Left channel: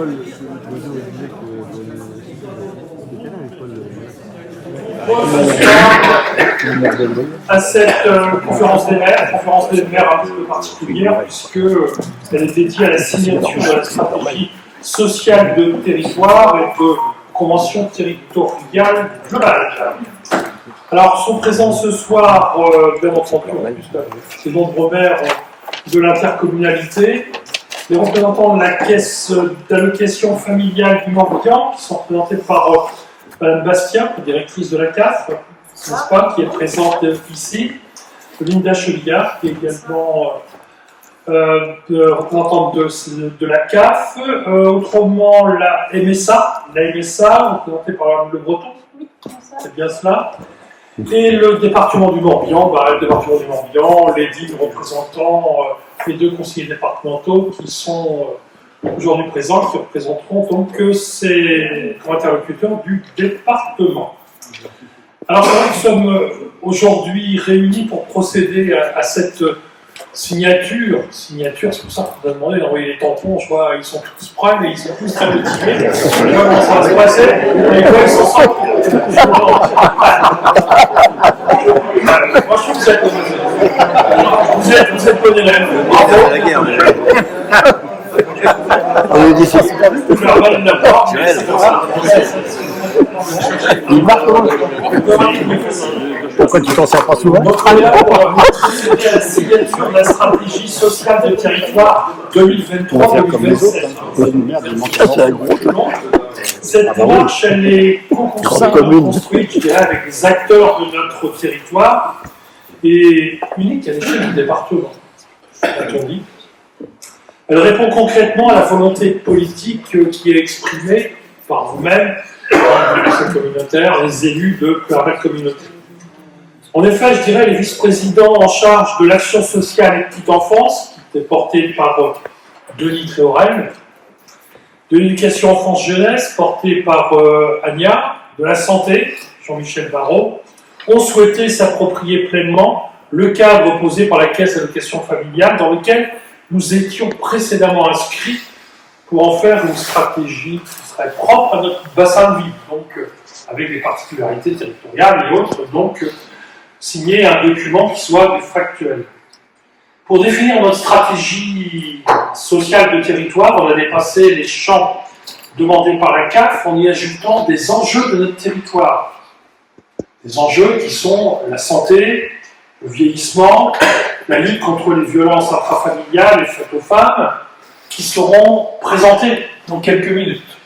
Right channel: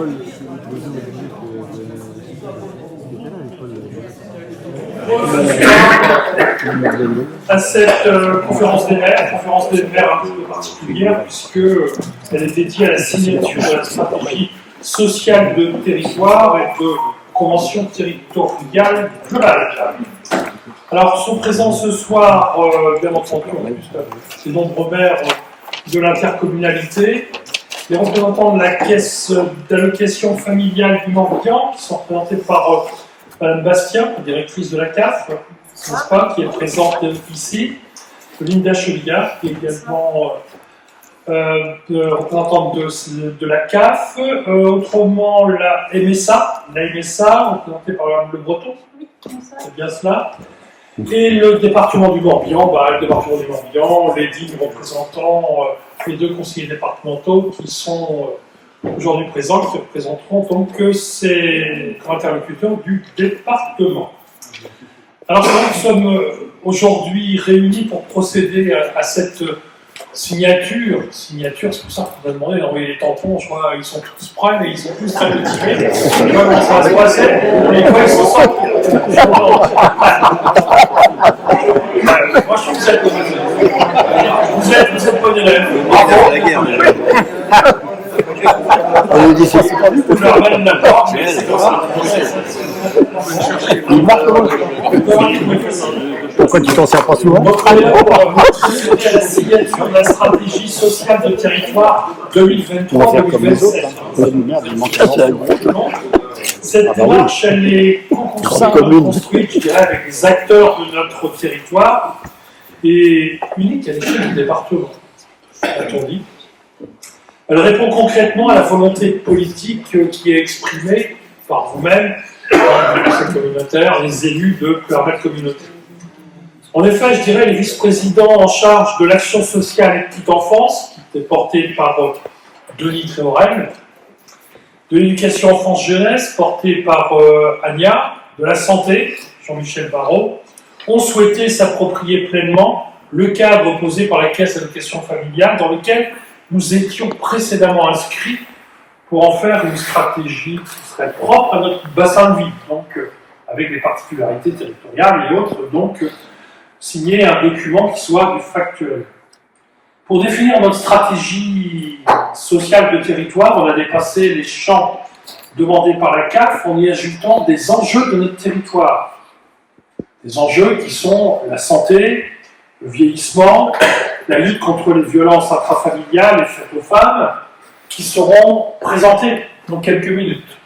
Paul, Bozo disait c'était là, mais Paul. À cette conférence des maires un petit peu particulière, puisqu'elle est dédiée à la signature de la stratégie sociale de territoire et de convention territoriale globale. Alors, sont présents ce soir, bien entendu, ces nombreux maires de l'intercommunalité, les représentants de la caisse d'allocation familiale du Morbihan, qui sont représentés par Mme Bastien, directrice de la CAF, n'est-ce pas, qui est présente ici, Linda Chevillard, qui est également représentante de la CAF, autrement la MSA, représentée par Mme Le Breton, c'est bien cela, et le département du Morbihan, le département du Morbihan, les 10 représentants, les 2 conseillers départementaux qui sont aujourd'hui présents, qui représenteront donc ces interlocuteurs du département. Alors, nous sommes aujourd'hui réunis pour procéder à cette signature, c'est pour ça qu'on a demandé d'envoyer les tampons, je vois, ils sont tous prêts, mais ils sont tous très motivés. Je vois comment ça va se passer, et quoi, ils s'en sortent. Moi, je trouve que vous êtes bon élève. Bravo. La guerre, on est difficile. Je leur donne la porte, mais c'est comme ça. Il marche comment? Pourquoi tu t'en sers pas souvent? Notre alerte pour procéder à la signature de la stratégie sociale de territoire 2023-2027. Cette démarche, elle est construite, je dirais, avec les acteurs de notre territoire et unique à l'échelle du département, a-t-on dit. Elle répond concrètement à la volonté politique qui est exprimée par vous-même, par les conseils communautaires, les élus de la communauté. En effet, je dirais, les vice-présidents en charge de l'action sociale et petite enfance, qui était porté par Denis Tréorel, de l'éducation enfance-jeunesse, porté par Ania, de la santé, Jean-Michel Barrault, ont souhaité s'approprier pleinement le cadre posé par la Caisse d'allocation familiale, dans lequel nous étions précédemment inscrits pour en faire une stratégie qui serait propre à notre bassin de vie, donc avec des particularités territoriales et autres, donc signer un document qui soit factuel. Pour définir notre stratégie sociale de territoire, on a dépassé les champs demandés par la CAF en y ajoutant des enjeux de notre territoire. Des enjeux qui sont la santé, le vieillissement, la lutte contre les violences intrafamiliales et faites aux femmes, qui seront présentés dans quelques minutes.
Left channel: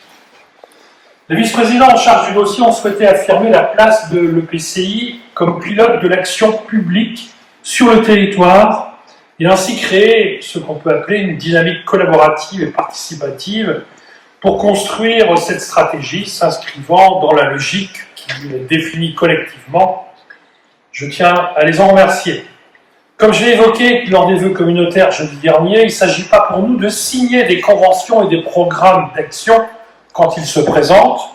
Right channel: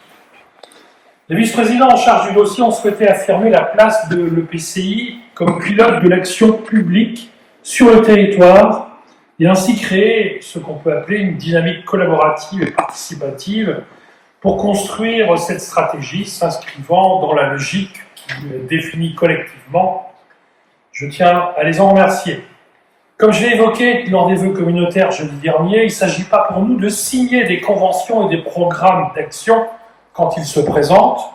Les vice-présidents en charge du dossier ont souhaité affirmer la place de l'EPCI comme pilote de l'action publique sur le territoire et ainsi créer ce qu'on peut appeler une dynamique collaborative et participative pour construire cette stratégie s'inscrivant dans la logique qui est définie collectivement. Je tiens à les en remercier. Comme je l'ai évoqué lors des vœux communautaires jeudi dernier, il ne s'agit pas pour nous de signer des conventions et des programmes d'action quand ils se présentent,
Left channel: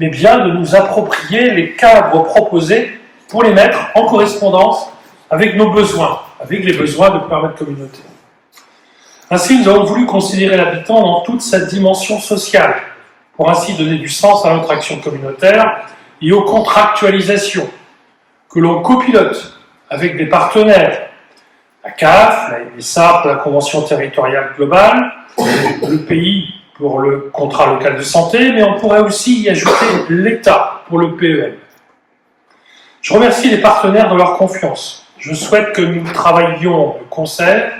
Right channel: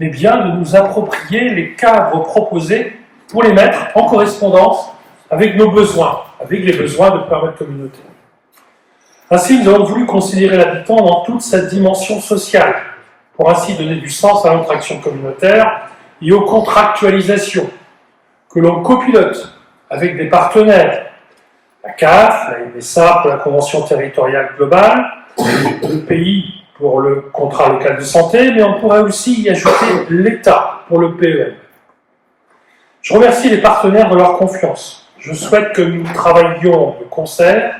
mais bien de nous approprier les cadres proposés pour les mettre en correspondance avec nos besoins, avec les besoins de périmètre communautaire. Ainsi, nous avons voulu considérer l'habitant dans toute sa dimension sociale, pour ainsi donner du sens à notre action communautaire et aux contractualisations que l'on copilote avec des partenaires, la CAF, la MSA pour la Convention territoriale globale, le pays pour le contrat local de santé, mais on pourrait aussi y ajouter l'État pour le PEM. Je remercie les partenaires de leur confiance. Je souhaite que nous travaillions de concert,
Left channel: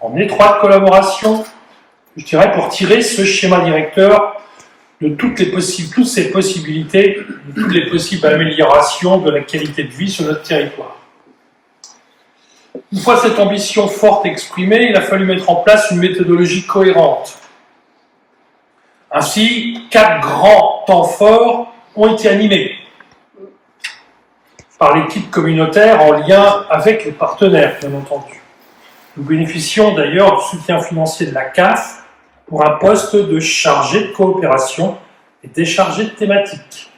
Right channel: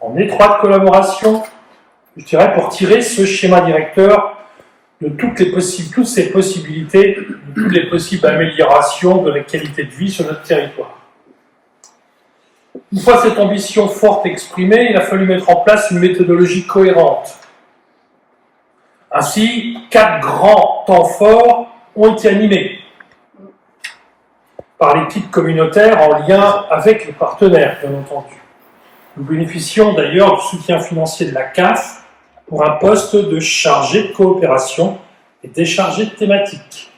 en étroite collaboration, je dirais, pour tirer ce schéma directeur de toutes ces possibilités, de toutes les possibles améliorations de la qualité de vie sur notre territoire. Une fois cette ambition forte exprimée, il a fallu mettre en place une méthodologie cohérente. Ainsi, 4 grands temps forts ont été animés par l'équipe communautaire en lien avec les partenaires, bien entendu. Nous bénéficions d'ailleurs du soutien financier de la CAF pour un poste de chargé de coopération et déchargé de thématique.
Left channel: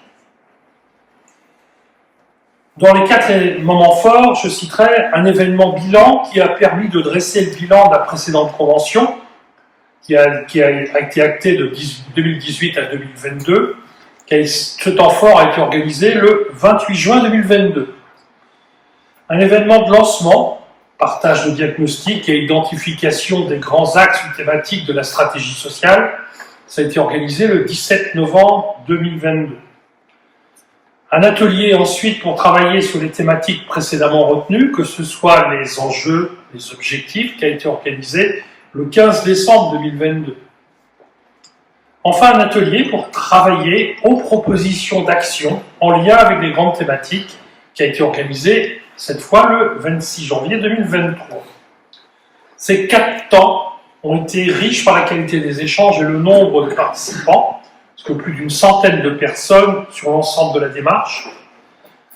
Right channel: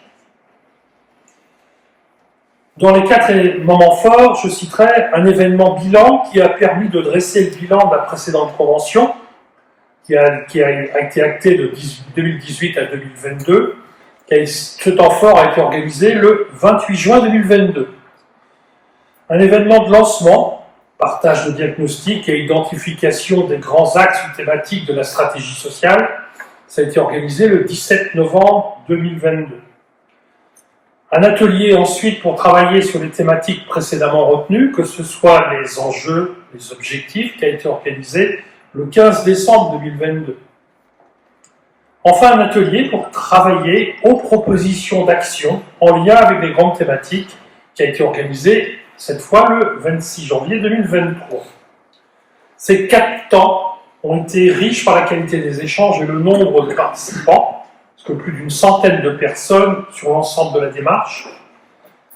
Dans les 4 moments forts, je citerai un événement bilan qui a permis de dresser le bilan de la précédente convention, qui a été acté de 2018 à 2022, ce temps fort a été organisé le 28 juin 2022. Un événement de lancement, partage de diagnostic et identification des grands axes ou thématiques de la stratégie sociale, ça a été organisé le 17 novembre 2022. Un atelier ensuite pour travailler sur les thématiques précédemment retenues, que ce soit les enjeux, les objectifs, qui a été organisé le 15 décembre 2022. Enfin, un atelier pour travailler aux propositions d'action en lien avec les grandes thématiques, qui a été organisé cette fois le 26 janvier 2023. Ces 4 temps ont été riches par la qualité des échanges et le nombre de participants, parce que plus d'une centaine de personnes sur l'ensemble de la démarche.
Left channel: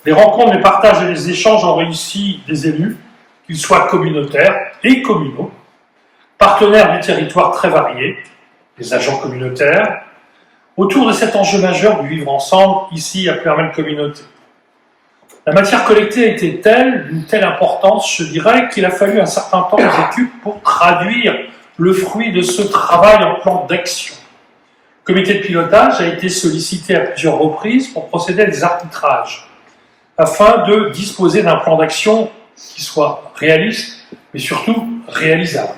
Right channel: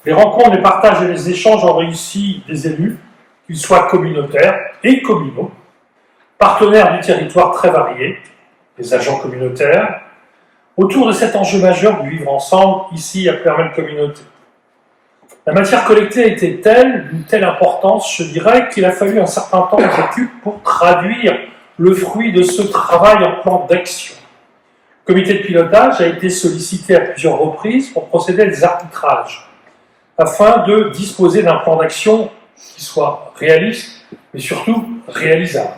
Les rencontres, les partages et les échanges ont réussi des élus, qu'ils soient communautaires et communaux, partenaires du territoire très variés, les agents communautaires, autour de cet enjeu majeur du vivre ensemble, ici à Ploermel Communauté. La matière collectée a été telle, d'une telle importance, je dirais, qu'il a fallu un certain temps aux équipes pour traduire le fruit de ce travail en plan d'action. Le comité de pilotage a été sollicité à plusieurs reprises pour procéder à des arbitrages, afin de disposer d'un plan d'action qui soit réaliste, mais surtout réalisable.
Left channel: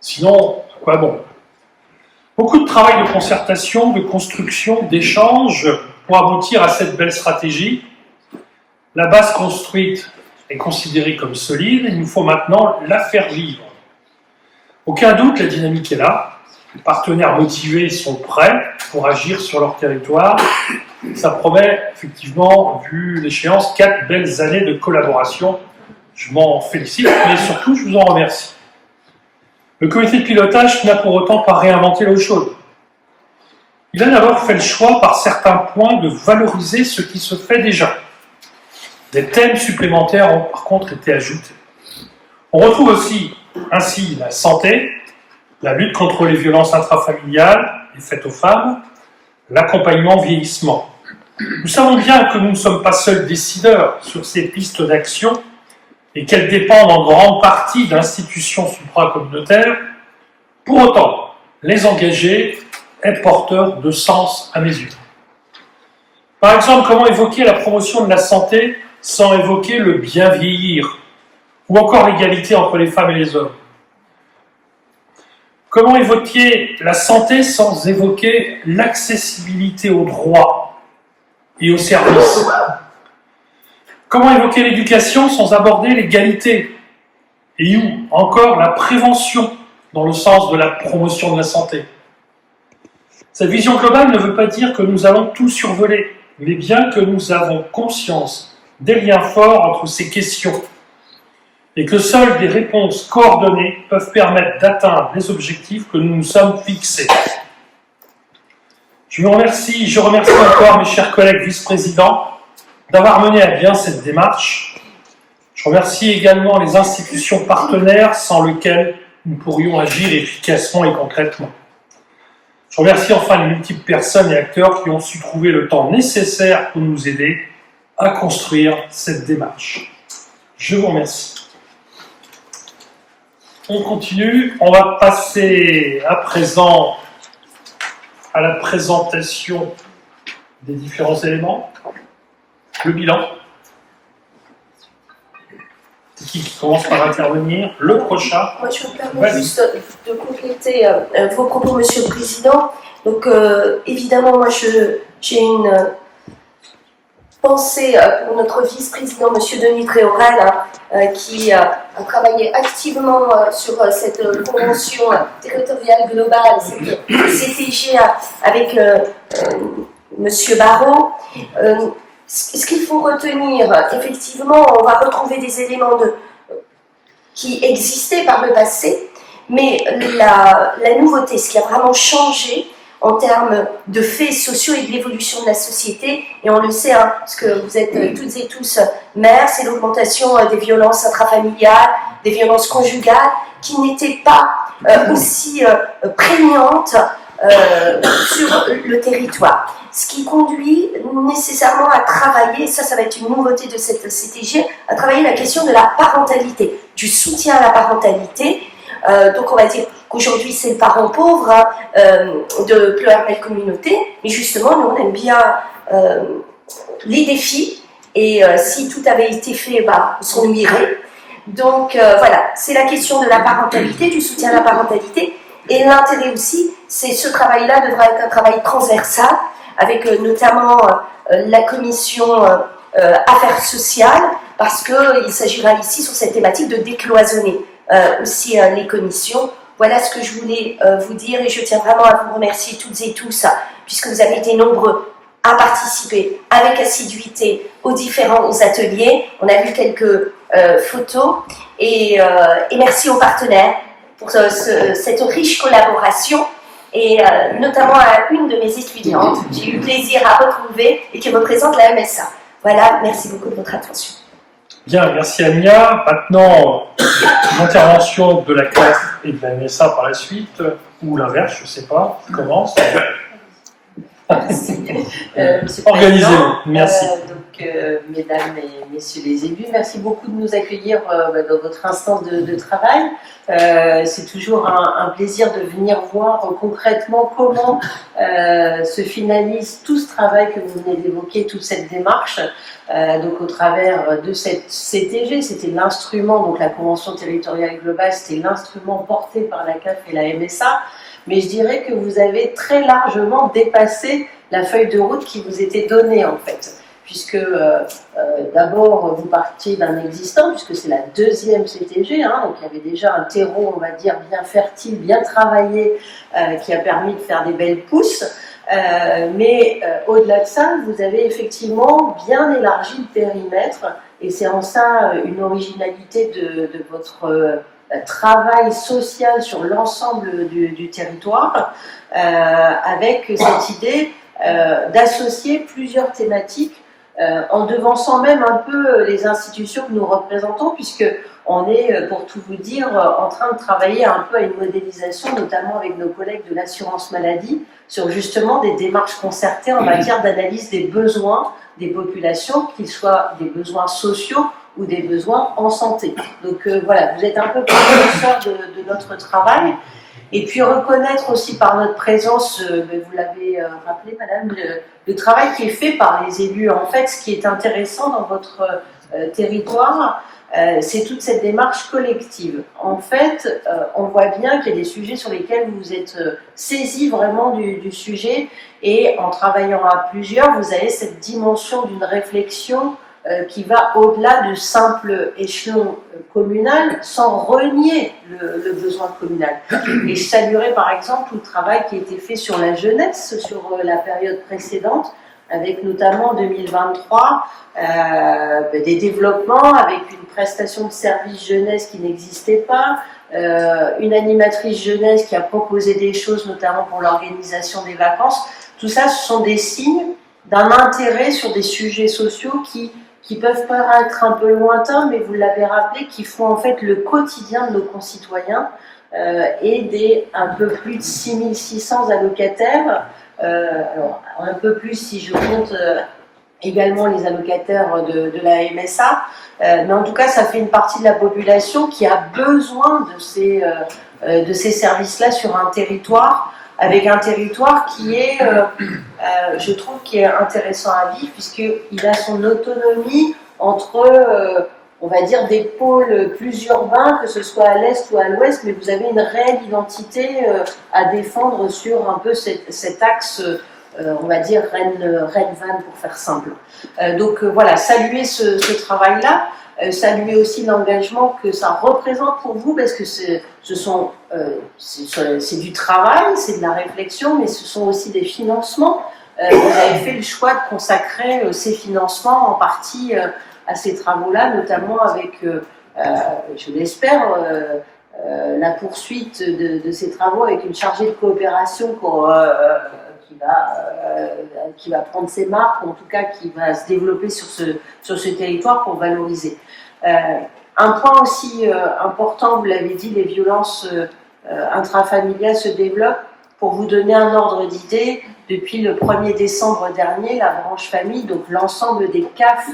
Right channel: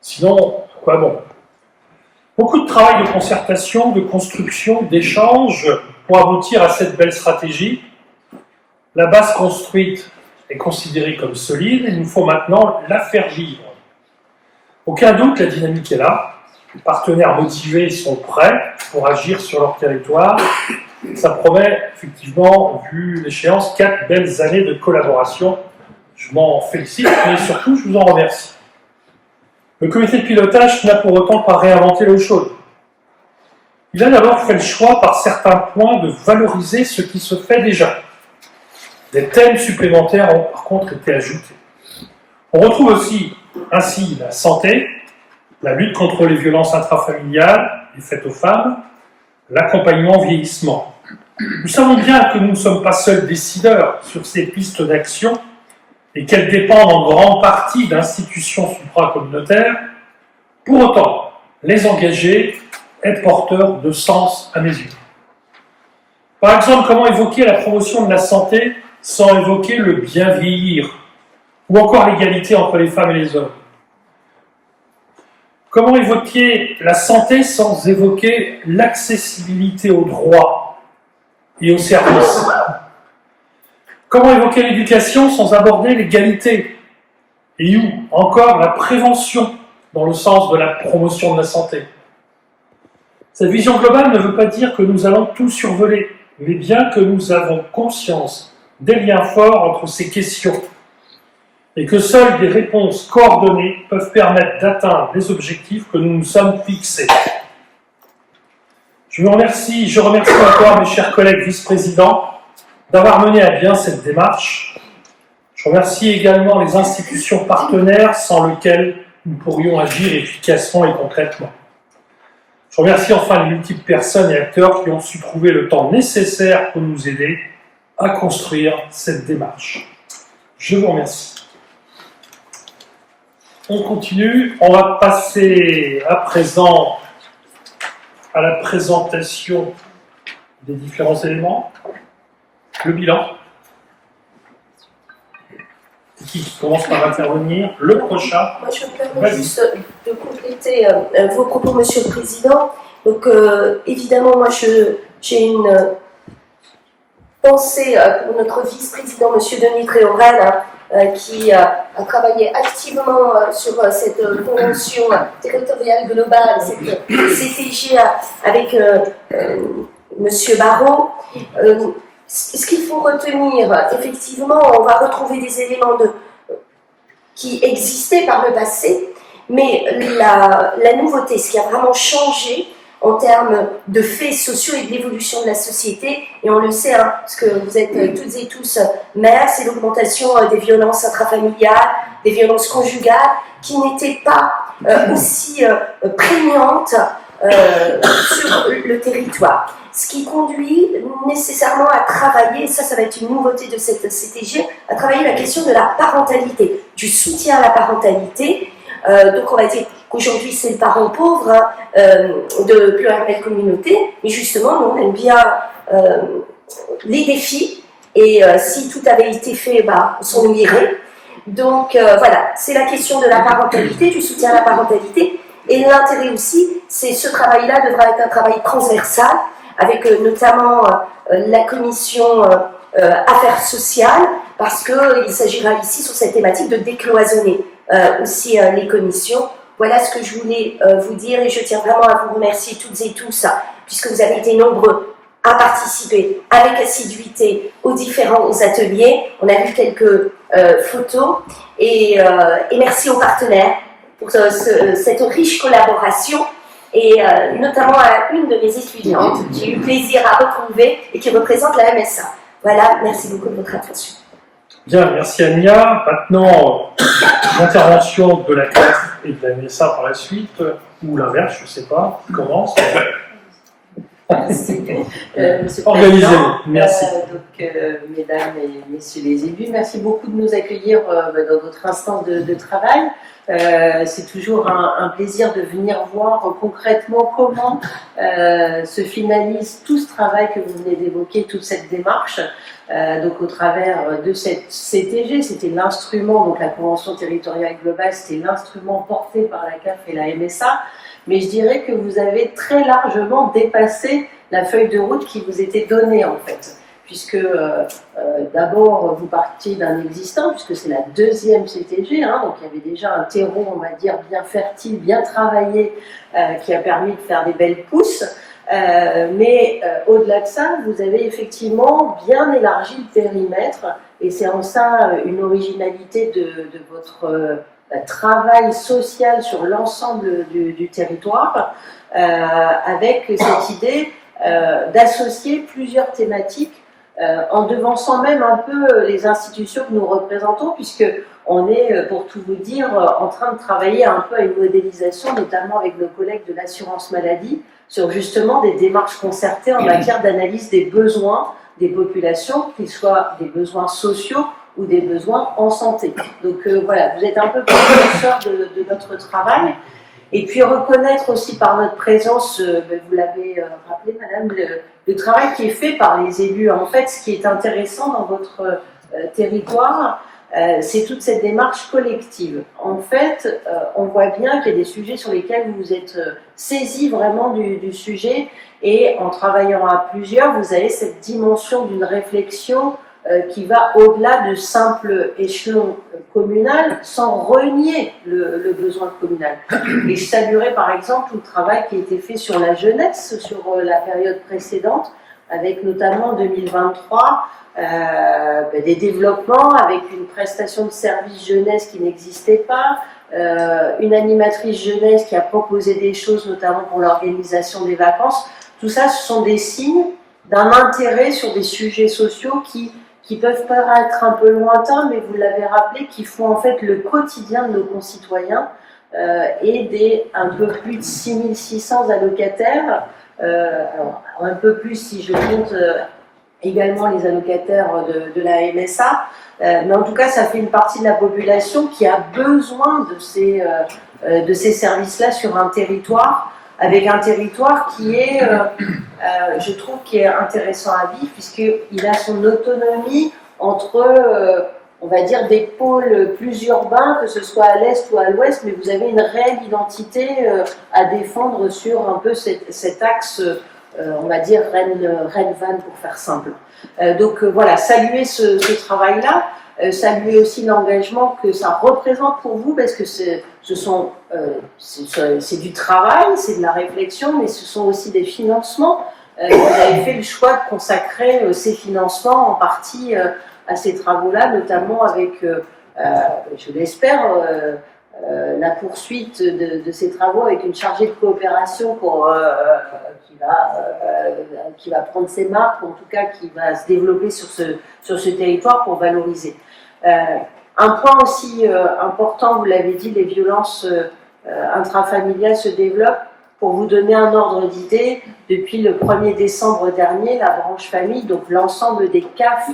Sinon, quoi bon? Beaucoup de travail de concertation, de construction, d'échange pour aboutir à cette belle stratégie. La base construite est considérée comme solide, il nous faut maintenant la faire vivre. Aucun doute, la dynamique est là. Les partenaires motivés sont prêts pour agir sur leur territoire. Ça promet, effectivement, vu l'échéance, 4 belles années de collaboration. Je m'en félicite, mais surtout, je vous en remercie. Le comité de pilotage n'a pour autant pas réinventé l'eau chaude. Il a d'abord fait le choix, par certains points, de valoriser ce qui se fait déjà. Des thèmes supplémentaires ont par contre été ajoutés. On retrouve aussi ainsi la santé, la lutte contre les violences intrafamiliales, les faites aux femmes, l'accompagnement vieillissement. Nous savons bien que nous ne sommes pas seuls décideurs sur ces pistes d'action et qu'elles dépendent en grande partie d'institutions supracommunautaires. Pour autant, les engager est porteur de sens à mes yeux. Par exemple, comment évoquer la promotion de la santé sans évoquer le bien vieillir, ou encore l'égalité entre les femmes et les hommes? Comment évoquer la santé sans évoquer l'accessibilité aux droits et aux services? Comment évoquer l'éducation sans aborder l'égalité? Et où encore la prévention dans le sens de la promotion de la santé? Cette vision globale ne veut pas dire que nous allons tout survoler, mais bien que nous avons conscience des liens forts entre ces questions et que seules des réponses coordonnées peuvent permettre d'atteindre les objectifs que nous nous sommes fixés. Je remercie encore mes chers collègues vice-présidents d'avoir mené à bien cette démarche. Je remercie également les institutions partenaires sans lesquelles nous pourrions agir efficacement et concrètement. Je remercie enfin les multiples personnes et acteurs qui ont su trouver le temps nécessaire pour nous aider à construire cette démarche. Je vous remercie. On continue. On va passer à présent à la présentation des différents éléments. Le bilan. Qui commence par intervenir? Le prochain. Moi, je me permets juste de compléter vos propos, Monsieur le Président. Donc, évidemment, moi, j'ai une pensée pour notre vice-président, Monsieur Denis Tréorel, qui a travaillé activement sur cette convention territoriale globale, cette CTG avec Monsieur Barrault. Ce qu'il faut retenir, effectivement, on va retrouver des éléments qui existaient par le passé, mais la nouveauté, ce qui a vraiment changé en termes de faits sociaux et de l'évolution de la société, et on le sait, hein, parce que vous êtes toutes et tous mères, c'est l'augmentation des violences intrafamiliales, des violences conjugales, qui n'étaient pas aussi prégnantes sur le territoire. Ce qui conduit nécessairement à travailler, et ça va être une nouveauté de cette CTG, à travailler la question de la parentalité, du soutien à la parentalité. Donc on va dire qu'aujourd'hui c'est le parent pauvre de plusieurs belles communautés, mais justement, nous on aime bien les défis, et si tout avait été fait, on s'en irait. Donc voilà, c'est la question de la parentalité, du soutien à la parentalité, et l'intérêt aussi, c'est ce travail-là devra être un travail transversal, avec notamment la commission affaires sociales, parce qu'il s'agira ici sur cette thématique de décloisonner aussi les commissions. Voilà ce que je voulais vous dire, et je tiens vraiment à vous remercier toutes et tous, puisque vous avez été nombreux à participer avec assiduité aux différents ateliers. On a vu quelques photos, et merci aux partenaires pour cette riche collaboration, et notamment à une de mes étudiantes, j'ai eu plaisir à retrouver et qui représente la MSA. Voilà, merci beaucoup de votre attention. Bien, merci Ania. Maintenant, l'intervention de la classe et de la MSA par la suite, ou l'inverse, je ne sais pas, qui commence. Organisez-vous, merci. Mesdames et messieurs les élus, merci beaucoup de nous accueillir dans votre instance de travail. C'est toujours un plaisir de venir voir concrètement comment se finalise tout ce travail que vous venez d'évoquer, toute cette démarche. Donc au travers de cette CTG, c'était l'instrument, donc la Convention territoriale globale, c'était l'instrument porté par la CAF et la MSA. Mais je dirais que vous avez très largement dépassé la feuille de route qui vous était donnée en fait, puisque d'abord vous partiez d'un existant, puisque c'est la deuxième CTG, donc il y avait déjà un terreau, on va dire, bien fertile, bien travaillé, qui a permis de faire des belles pousses, mais au-delà de ça, vous avez effectivement bien élargi le périmètre, et c'est en ça une originalité de votre travail social sur l'ensemble du territoire, avec cette idée d'associer plusieurs thématiques en devançant même un peu les institutions que nous représentons, puisque on est, pour tout vous dire, en train de travailler un peu à une modélisation, notamment avec nos collègues de l'assurance maladie, sur justement des démarches concertées en matière d'analyse des besoins des populations, qu'ils soient des besoins sociaux ou des besoins en santé. Donc voilà, vous êtes un peu précurseur de notre travail. Et puis reconnaître aussi par notre présence, vous l'avez rappelé madame, le travail qui est fait par les élus. En fait, ce qui est intéressant dans votre territoire, c'est toute cette démarche collective. En fait, on voit bien qu'il y a des sujets sur lesquels vous êtes saisis vraiment du sujet, et en travaillant à plusieurs, vous avez cette dimension d'une réflexion qui va au-delà du simple échelon communal, sans renier le besoin communal. Et je saluerai par exemple tout le travail qui a été fait sur la jeunesse, sur la période précédente, avec notamment en 2023 des développements, avec une prestation de service jeunesse qui n'existait pas, une animatrice jeunesse qui a proposé des choses, notamment pour l'organisation des vacances. Tout ça, ce sont des signes d'un intérêt sur des sujets sociaux qui peuvent paraître un peu lointains, mais vous l'avez rappelé, qui font en fait le quotidien de nos concitoyens, et des un peu plus de 6600 allocataires, alors un peu plus si je compte également les allocataires de la MSA, mais en tout cas ça fait une partie de la population qui a besoin de ces services-là sur un territoire, avec un territoire qui est, je trouve, qui est intéressant à vivre, puisqu'il a son autonomie entre, on va dire, des pôles plus urbains, que ce soit à l'est ou à l'ouest, mais vous avez une réelle identité à défendre sur un peu cet axe, on va dire, Rennes-Vannes, pour faire simple. Donc voilà, saluer ce travail-là. Saluer aussi l'engagement que ça représente pour vous, parce que c'est du travail, c'est de la réflexion, mais ce sont aussi des financements. Vous avez fait le choix de consacrer ces financements en partie à ces travaux-là, notamment avec, je l'espère, la poursuite de ces travaux avec une chargée de coopération qui va prendre ses marques, ou en tout cas qui va se développer sur ce territoire pour valoriser. Un point aussi important, vous l'avez dit, les violences intrafamiliales se développent. Pour vous donner un ordre d'idée, depuis le 1er décembre dernier, la branche famille, donc l'ensemble des CAF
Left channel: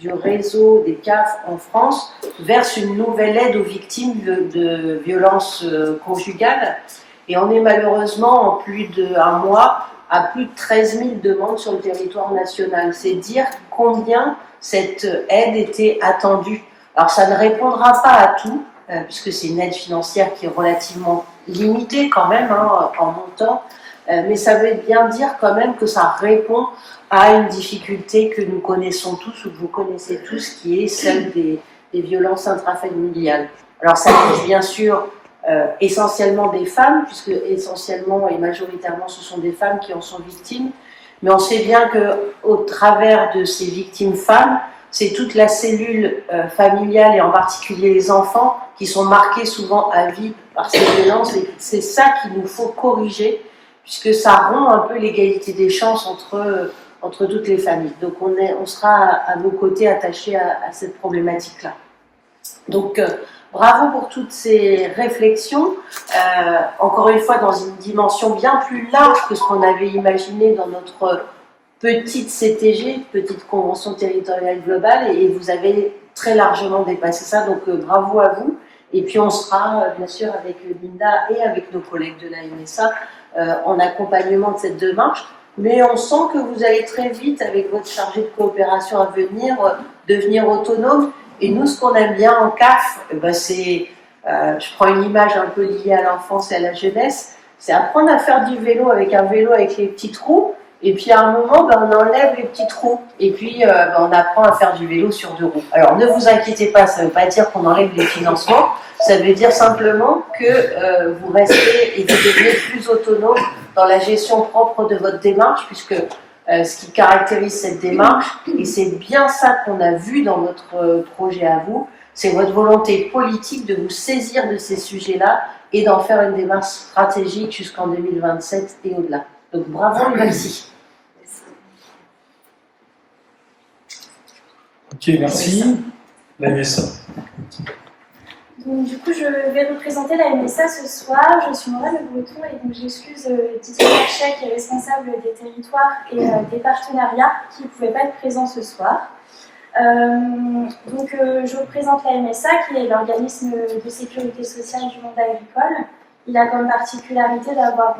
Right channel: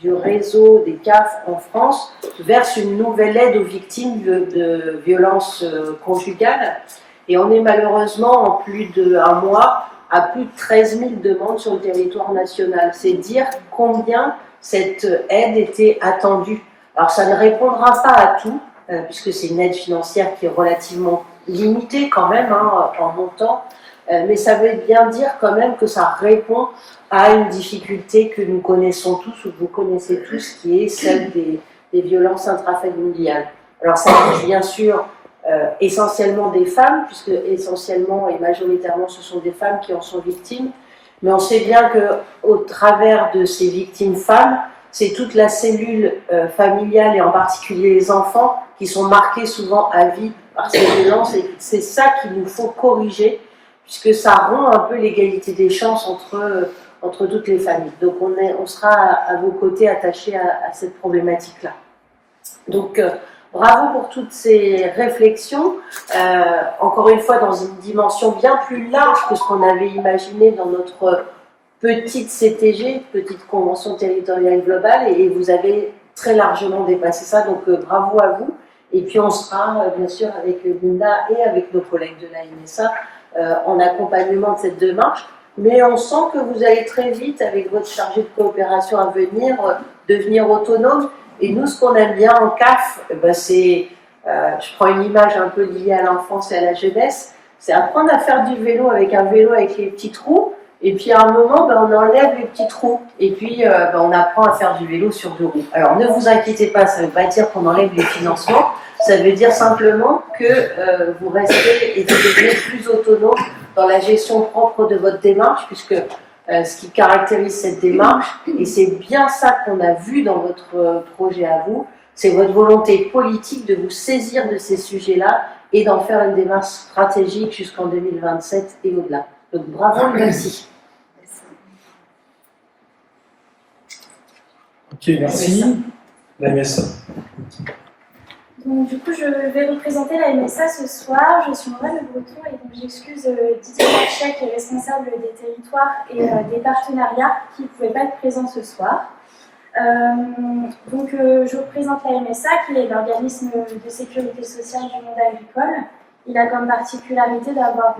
du réseau des CAF en France verse une nouvelle aide aux victimes de violences conjugales. Et on est malheureusement en plus d'un mois à plus de 13 000 demandes sur le territoire national. C'est dire combien cette aide était attendue. Alors ça ne répondra pas à tout, puisque c'est une aide financière qui est relativement limitée quand même en montant, mais ça veut bien dire quand même que ça répond à une difficulté que nous connaissons tous, ou que vous connaissez tous, qui est celle des violences intrafamiliales. Alors ça touche bien sûr essentiellement des femmes, puisque essentiellement et majoritairement ce sont des femmes qui en sont victimes, mais on sait bien qu'au travers de ces victimes femmes, c'est toute la cellule familiale et en particulier les enfants qui sont marqués souvent à vie par ces violences, et c'est ça qu'il nous faut corriger, puisque ça rend un peu l'égalité des chances entre toutes les familles. Donc on sera à vos côtés attachés à cette problématique-là. Donc bravo pour toutes ces réflexions, encore une fois dans une dimension bien plus large que ce qu'on avait imaginé dans notre petite CTG, petite convention territoriale globale, et vous avez très largement dépassé ça, donc bravo à vous. Et puis on sera bien sûr avec Linda et avec nos collègues de la MSA en accompagnement de cette démarche, mais on sent que vous allez très vite avec votre chargé de coopération à venir devenir autonome. Et nous, ce qu'on aime bien en CAF, c'est, je prends une image un peu liée à l'enfance et à la jeunesse, c'est apprendre à faire du vélo avec un vélo avec les petits trous, et puis à un moment, on enlève les petits trous, et puis on apprend à faire du vélo sur 2 roues. Alors ne vous inquiétez pas, ça ne veut pas dire qu'on enlève les financements, ça veut dire simplement que vous restez et vous devenez plus autonome dans la gestion propre de votre démarche, puisque ce qui caractérise cette démarche, et c'est bien ça qu'on a vu dans votre projet à vous, c'est votre volonté politique de vous saisir de ces sujets-là et d'en faire une démarche stratégique jusqu'en 2027 et au-delà. Donc bravo et merci. Ok, merci. La MSA. Donc, du coup, je vais représenter la MSA ce soir. Je suis Nora Le Breton et donc j'excuse Didier Marchais, qui est responsable des territoires et des partenariats, qui ne pouvait pas être présent ce soir. Je représente la MSA, qui est l'organisme de sécurité sociale du monde agricole. Il a comme particularité d'avoir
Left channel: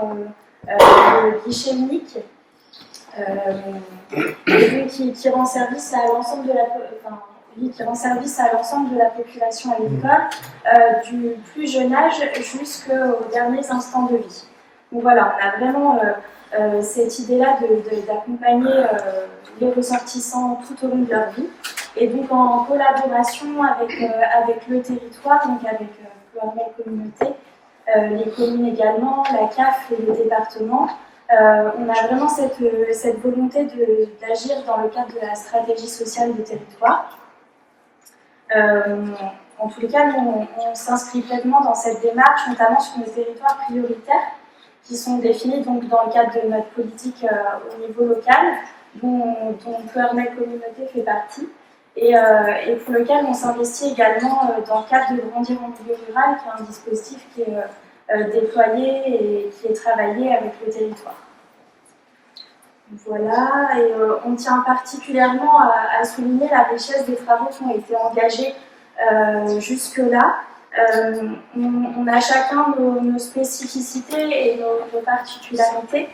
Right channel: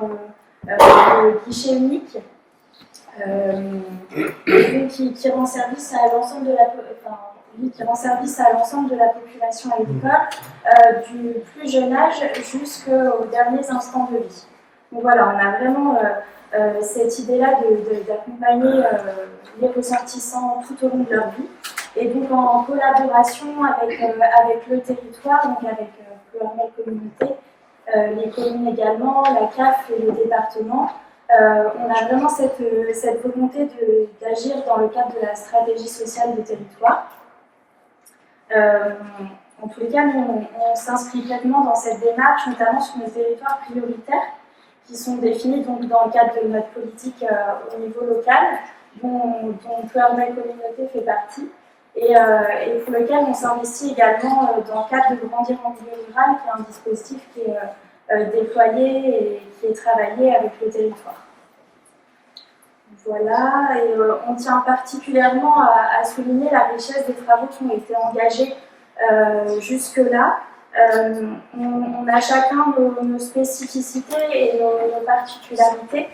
le guichet unique qui rend service à l'ensemble de la population agricole, du plus jeune âge jusqu'aux derniers instants de vie. Donc voilà, on a vraiment cette idée-là d'accompagner les ressortissants tout au long de leur vie. Et donc en collaboration avec le territoire, donc avec Pluriel Communauté, les communes également, la CAF et le département, on a vraiment cette volonté d'agir dans le cadre de la stratégie sociale du territoire. En tous les cas, nous, on s'inscrit pleinement dans cette démarche, notamment sur nos territoires prioritaires, qui sont définis donc, dans le cadre de notre politique au niveau local, dont Pluriel Communauté fait partie, et pour lequel on s'investit également dans le cadre de Grandir en milieu rural, qui est un dispositif qui est déployé et qui est travaillé avec le territoire. Voilà, et on tient particulièrement à souligner la richesse des travaux qui ont été engagés jusque-là. On a chacun nos spécificités et nos particularités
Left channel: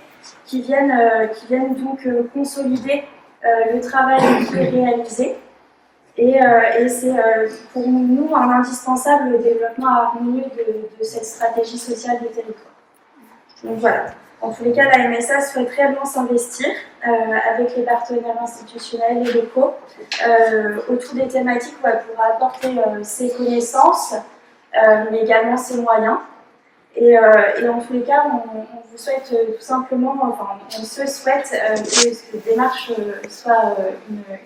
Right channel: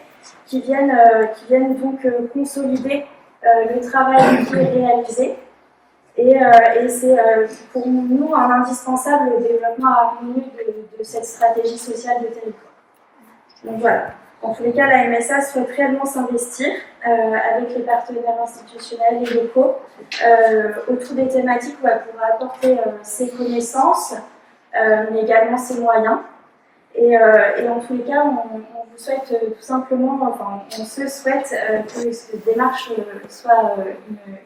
qui viennent donc consolider le travail qui est réalisé. Et c'est pour nous un indispensable développement harmonieux de cette stratégie sociale de territoire. Donc voilà. En tous les cas, la MSA souhaite réellement s'investir avec les partenaires institutionnels et locaux autour des thématiques où elle pourra apporter ses connaissances, mais également ses moyens. Et en tous les cas, on vous souhaite tout simplement, enfin, on se souhaite que cette démarche soit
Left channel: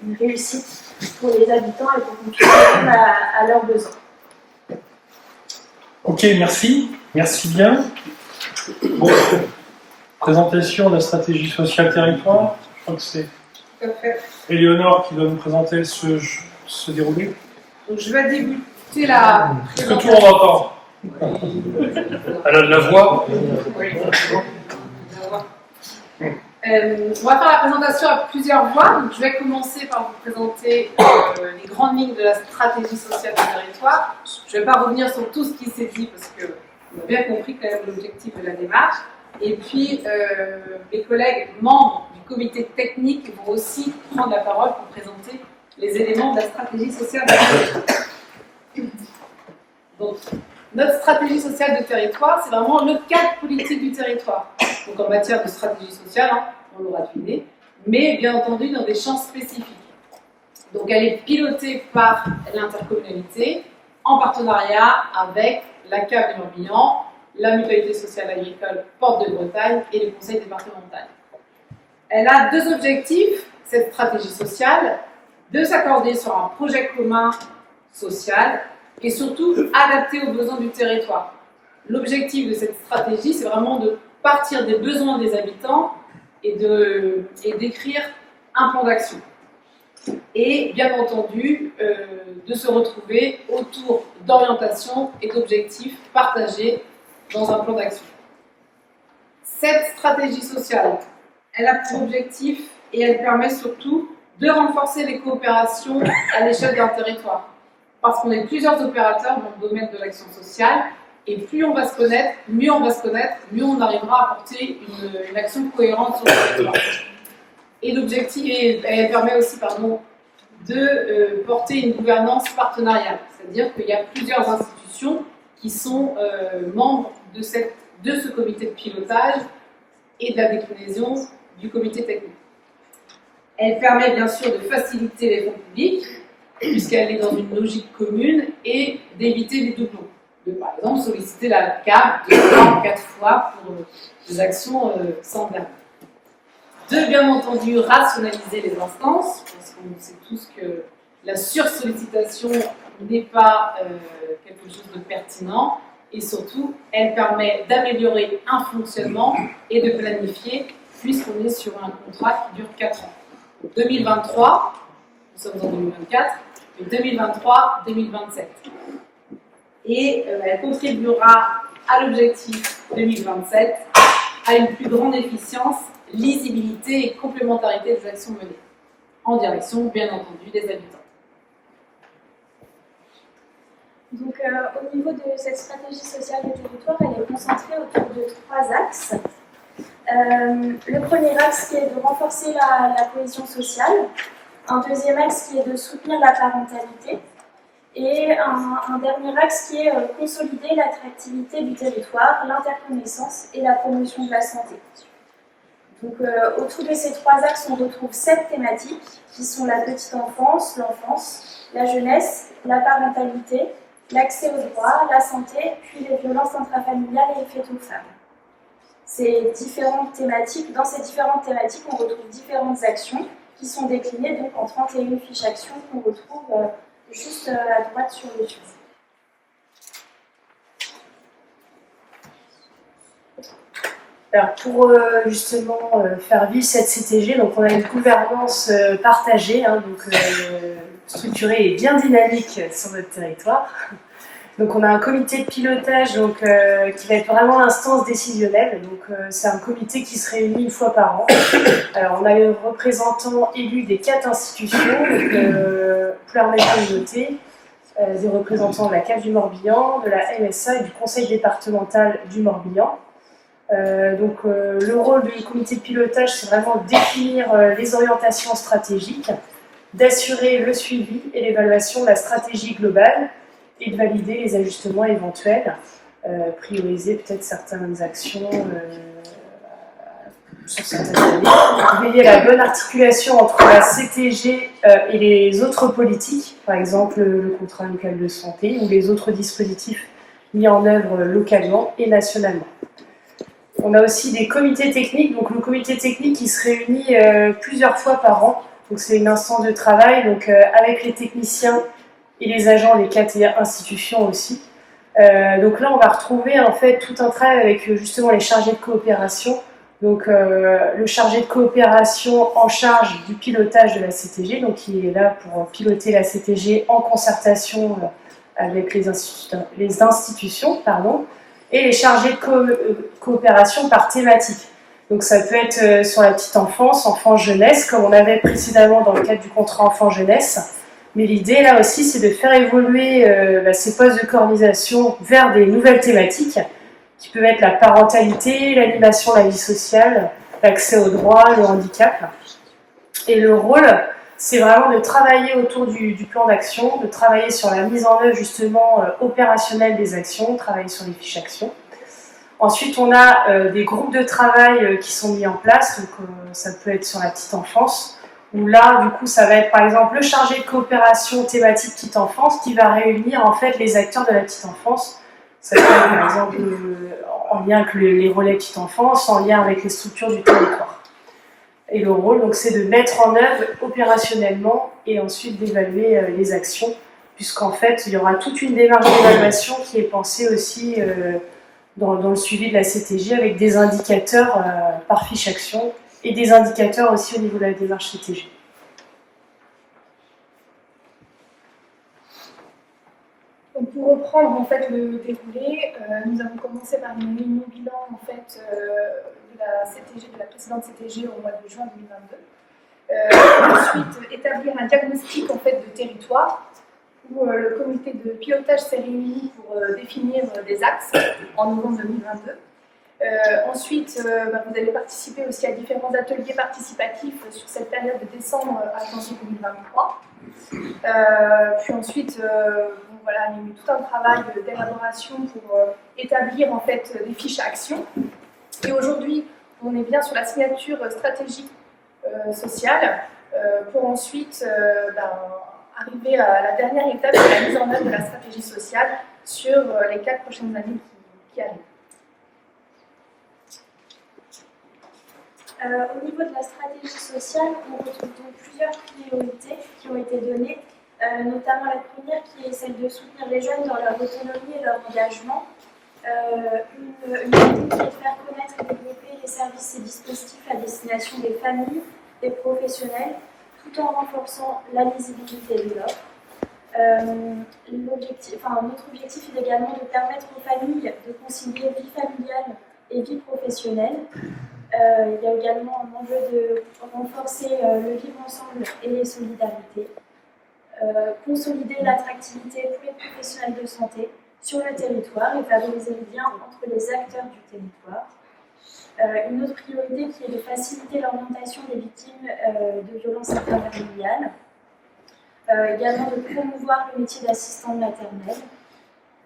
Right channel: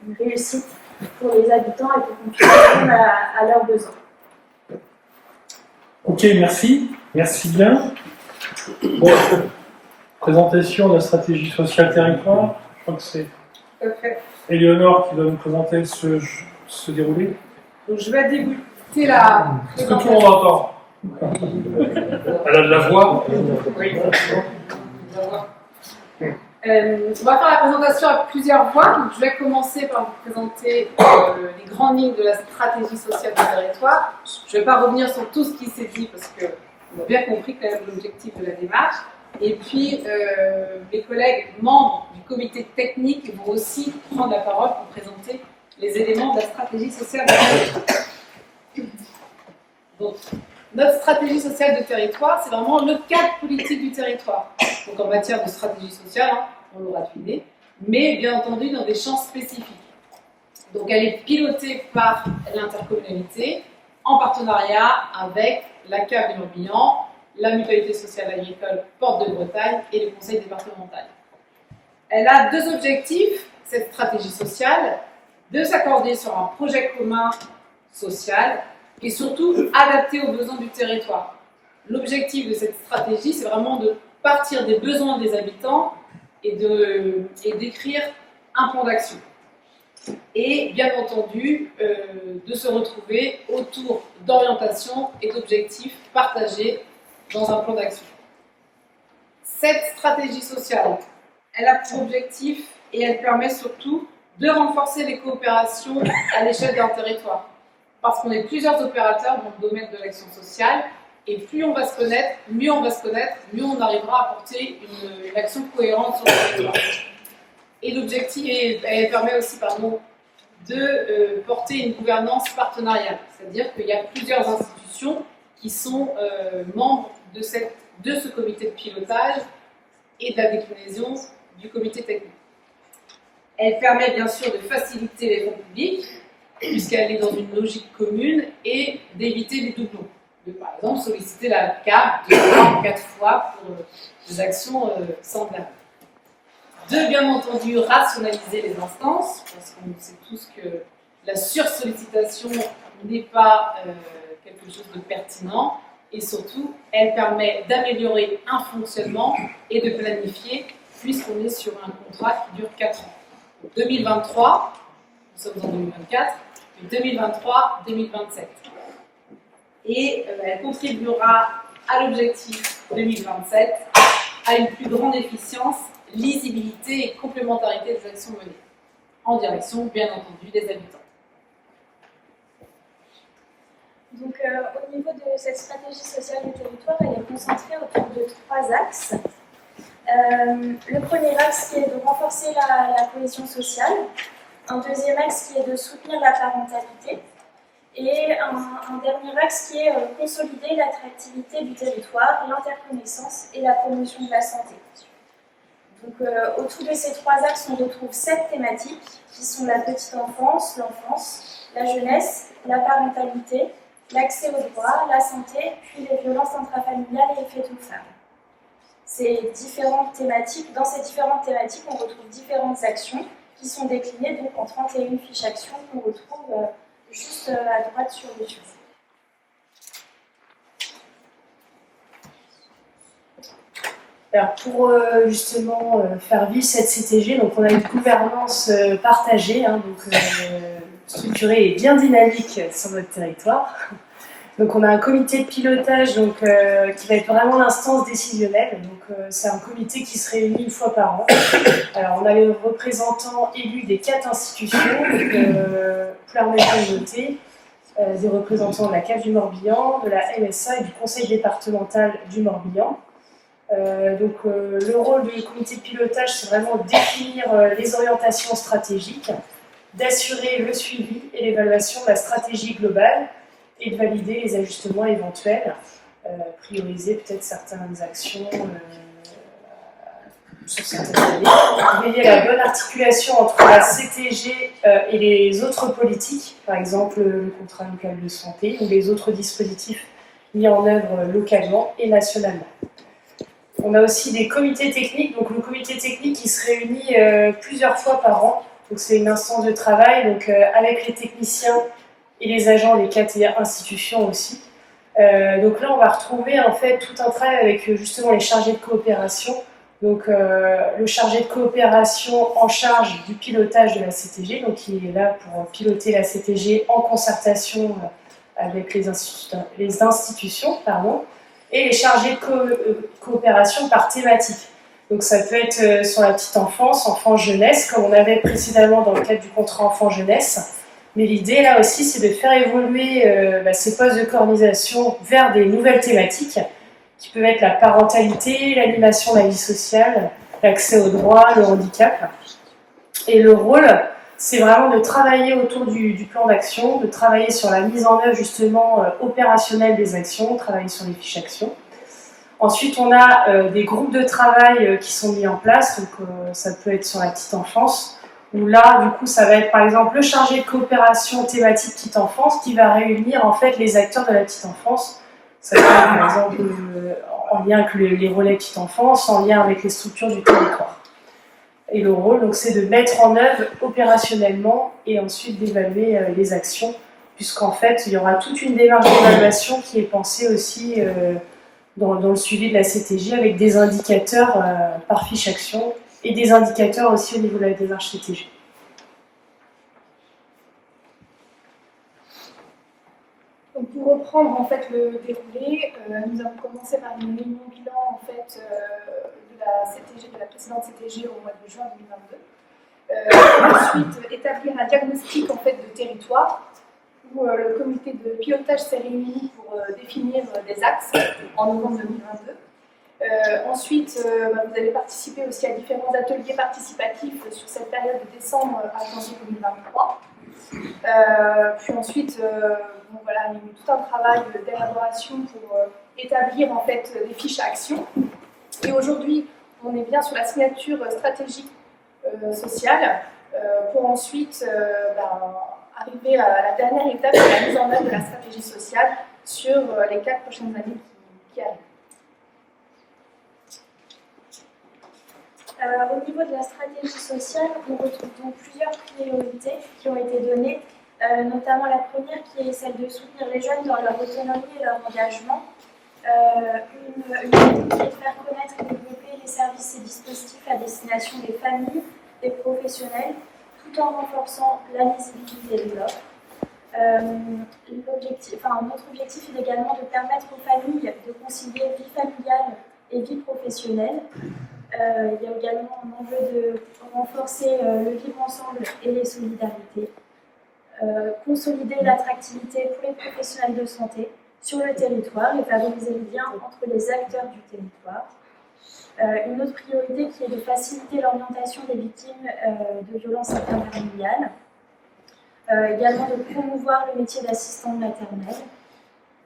une réussite pour les habitants et pour qu'on puisse répondre à leurs besoins. Ok, merci. Merci bien. Bon. Présentation de la stratégie sociale territoire. Je crois que c'est Éléonore qui va nous présenter ce déroulé. Donc je vais débuter la. Est-ce que tout le monde entend? Elle a de la voix. On va faire la présentation à plusieurs voix. Donc, je vais commencer par vous présenter les grandes lignes de la stratégie sociale du territoire. Je ne vais pas revenir sur tout ce qui s'est dit parce qu'on a bien compris quand même l'objectif de la démarche. Et puis, mes collègues membres du comité technique vont aussi prendre la parole pour présenter les éléments de la stratégie sociale du territoire. Donc, notre stratégie sociale de territoire, c'est vraiment le cadre politique du territoire. Donc en matière de stratégie sociale, hein, on l'aura deviné, mais bien entendu dans des champs spécifiques. Donc elle est pilotée par l'intercommunalité en partenariat avec la CAF du Morbihan, la Mutualité sociale agricole Porte de Bretagne et le conseil départemental. Elle a deux objectifs, cette stratégie sociale, de s'accorder sur un projet commun social et surtout adapté aux besoins du territoire. L'objectif de cette stratégie, c'est vraiment de partir des besoins des habitants et d'écrire un plan d'action. Et bien entendu, de se retrouver autour d'orientations et d'objectifs partagés dans un plan d'action. Cette stratégie sociale, elle a pour objectif et elle permet surtout de renforcer les coopérations à l'échelle d'un territoire. Parce qu'on est plusieurs opérateurs dans le domaine de l'action sociale, et plus on va se connaître, mieux on va se connaître, mieux on arrivera à porter une action cohérente sur le territoire. Et l'objectif, elle permet aussi, de porter une gouvernance partenariale, c'est-à-dire qu'il y a plusieurs institutions qui sont membres de ce comité de pilotage et de la déclinaison du comité technique. Elle permet bien sûr de faciliter les fonds publics, puisqu'elle est dans une logique commune, et d'éviter les doublons. De, par exemple, solliciter la CAF 3 ou 4 fois pour des actions semblables. De, bien entendu, rationaliser les instances, parce qu'on sait tous que la sursollicitation n'est pas quelque chose de pertinent, et surtout, elle permet d'améliorer un fonctionnement et de planifier, puisqu'on est sur un contrat qui dure 4 ans. Donc 2023, nous sommes en 2024, 2023-2027. Et elle contribuera à l'objectif 2027 à une plus grande efficience, lisibilité et complémentarité des actions menées, en direction, bien entendu, des habitants. Donc, au niveau de cette stratégie sociale du territoire, elle est concentrée autour de 3 axes. Le premier axe qui est de renforcer la cohésion sociale, un deuxième axe qui est de soutenir la parentalité, et un dernier axe qui est consolider l'attractivité du territoire, l'interconnaissance et la promotion de la santé. Donc, autour de ces 3 axes, on retrouve 7 thématiques qui sont la petite enfance, l'enfance, la jeunesse, la parentalité, l'accès aux droits, la santé, puis les violences intrafamiliales et les faits aux femmes. Dans ces différentes thématiques, on retrouve différentes actions qui sont déclinées donc en 31 fiches actions qu'on retrouve juste à droite sur le dessus. Alors pour justement faire vivre cette CTG, donc on a une gouvernance partagée, structurée et bien dynamique sur notre territoire. Donc on a un comité de pilotage qui va être vraiment l'instance décisionnelle. Donc c'est un comité qui se réunit une fois par an. Alors on a les représentants élus des 4 institutions, Ploermel Communauté, des représentants de la CAF du Morbihan, de la MSA et du conseil départemental du Morbihan. Le rôle du comité de pilotage, c'est vraiment de définir les orientations stratégiques, d'assurer le suivi et l'évaluation de la stratégie globale, et de valider les ajustements éventuels, prioriser peut-être certaines actions sur certaines années, veiller à la bonne articulation entre la CTG et les autres politiques, par exemple le contrat local de santé ou les autres dispositifs mis en œuvre localement et nationalement. On a aussi des comités techniques, donc le comité technique qui se réunit plusieurs fois par an, donc c'est une instance de travail avec les techniciens et les agents des 4 institutions aussi. Donc là, on va retrouver en fait tout un travail avec justement les chargés de coopération. Donc le chargé de coopération en charge du pilotage de la CTG, donc qui est là pour piloter la CTG en concertation avec les institutions, et les chargés de coopération par thématique. Donc ça peut être sur la petite enfance, enfance-jeunesse, comme on avait précédemment dans le cadre du contrat enfant-jeunesse. Mais l'idée là aussi, c'est de faire évoluer ces postes de coordination vers des nouvelles thématiques qui peuvent être la parentalité, l'animation de la vie sociale, l'accès aux droits, le handicap. Et le rôle, c'est vraiment de travailler autour du plan d'action, de travailler sur la mise en œuvre justement opérationnelle des actions, travailler sur les fiches actions. Ensuite, on a des groupes de travail qui sont mis en place, donc ça peut être sur la petite enfance, où là, du coup, ça va être par exemple le chargé de coopération thématique petite enfance qui va réunir en fait les acteurs de la petite enfance. Ça peut être par exemple en lien avec les relais petite enfance, en lien avec les structures du territoire. Et le rôle, donc, c'est de mettre en œuvre opérationnellement et ensuite d'évaluer les actions, puisqu'en fait, il y aura toute une démarche d'évaluation qui est pensée aussi dans le suivi de la CTG avec des indicateurs par fiche action et des indicateurs aussi au niveau de la démarche CTG. Donc pour reprendre en fait le déroulé, nous avons commencé par une réunion bilan en fait de la CTG, de la précédente CTG au mois de juin 2022. Ensuite établir un diagnostic en fait de territoire où le comité de pilotage s'est réuni pour définir des axes en novembre 2022. Ensuite, vous avez participé aussi à différents ateliers participatifs sur cette période de décembre à janvier 2023. Puis ensuite, il y a eu tout un travail d'élaboration pour établir en fait des fiches à action. Et aujourd'hui, on est bien sur la signature stratégique sociale pour ensuite arriver à la dernière étape de la mise en œuvre de la stratégie sociale sur les 4 prochaines années qui arrivent. Au niveau de la stratégie sociale, on retrouve donc plusieurs priorités qui ont été données, notamment la première qui est celle de soutenir les jeunes dans leur autonomie et leur engagement. Une idée qui est de faire connaître et développer les services et dispositifs à destination des familles, des professionnels, tout en renforçant la lisibilité de l'offre. Notre objectif est également de permettre aux familles de concilier vie familiale et vie professionnelle. Il y a également un enjeu de renforcer le vivre ensemble et les solidarités, consolider l'attractivité pour les professionnels de santé sur le territoire et favoriser le lien entre les acteurs du territoire. Une autre priorité qui est de faciliter l'orientation des victimes de violences intrafamiliales, également de promouvoir le métier d'assistante maternelle,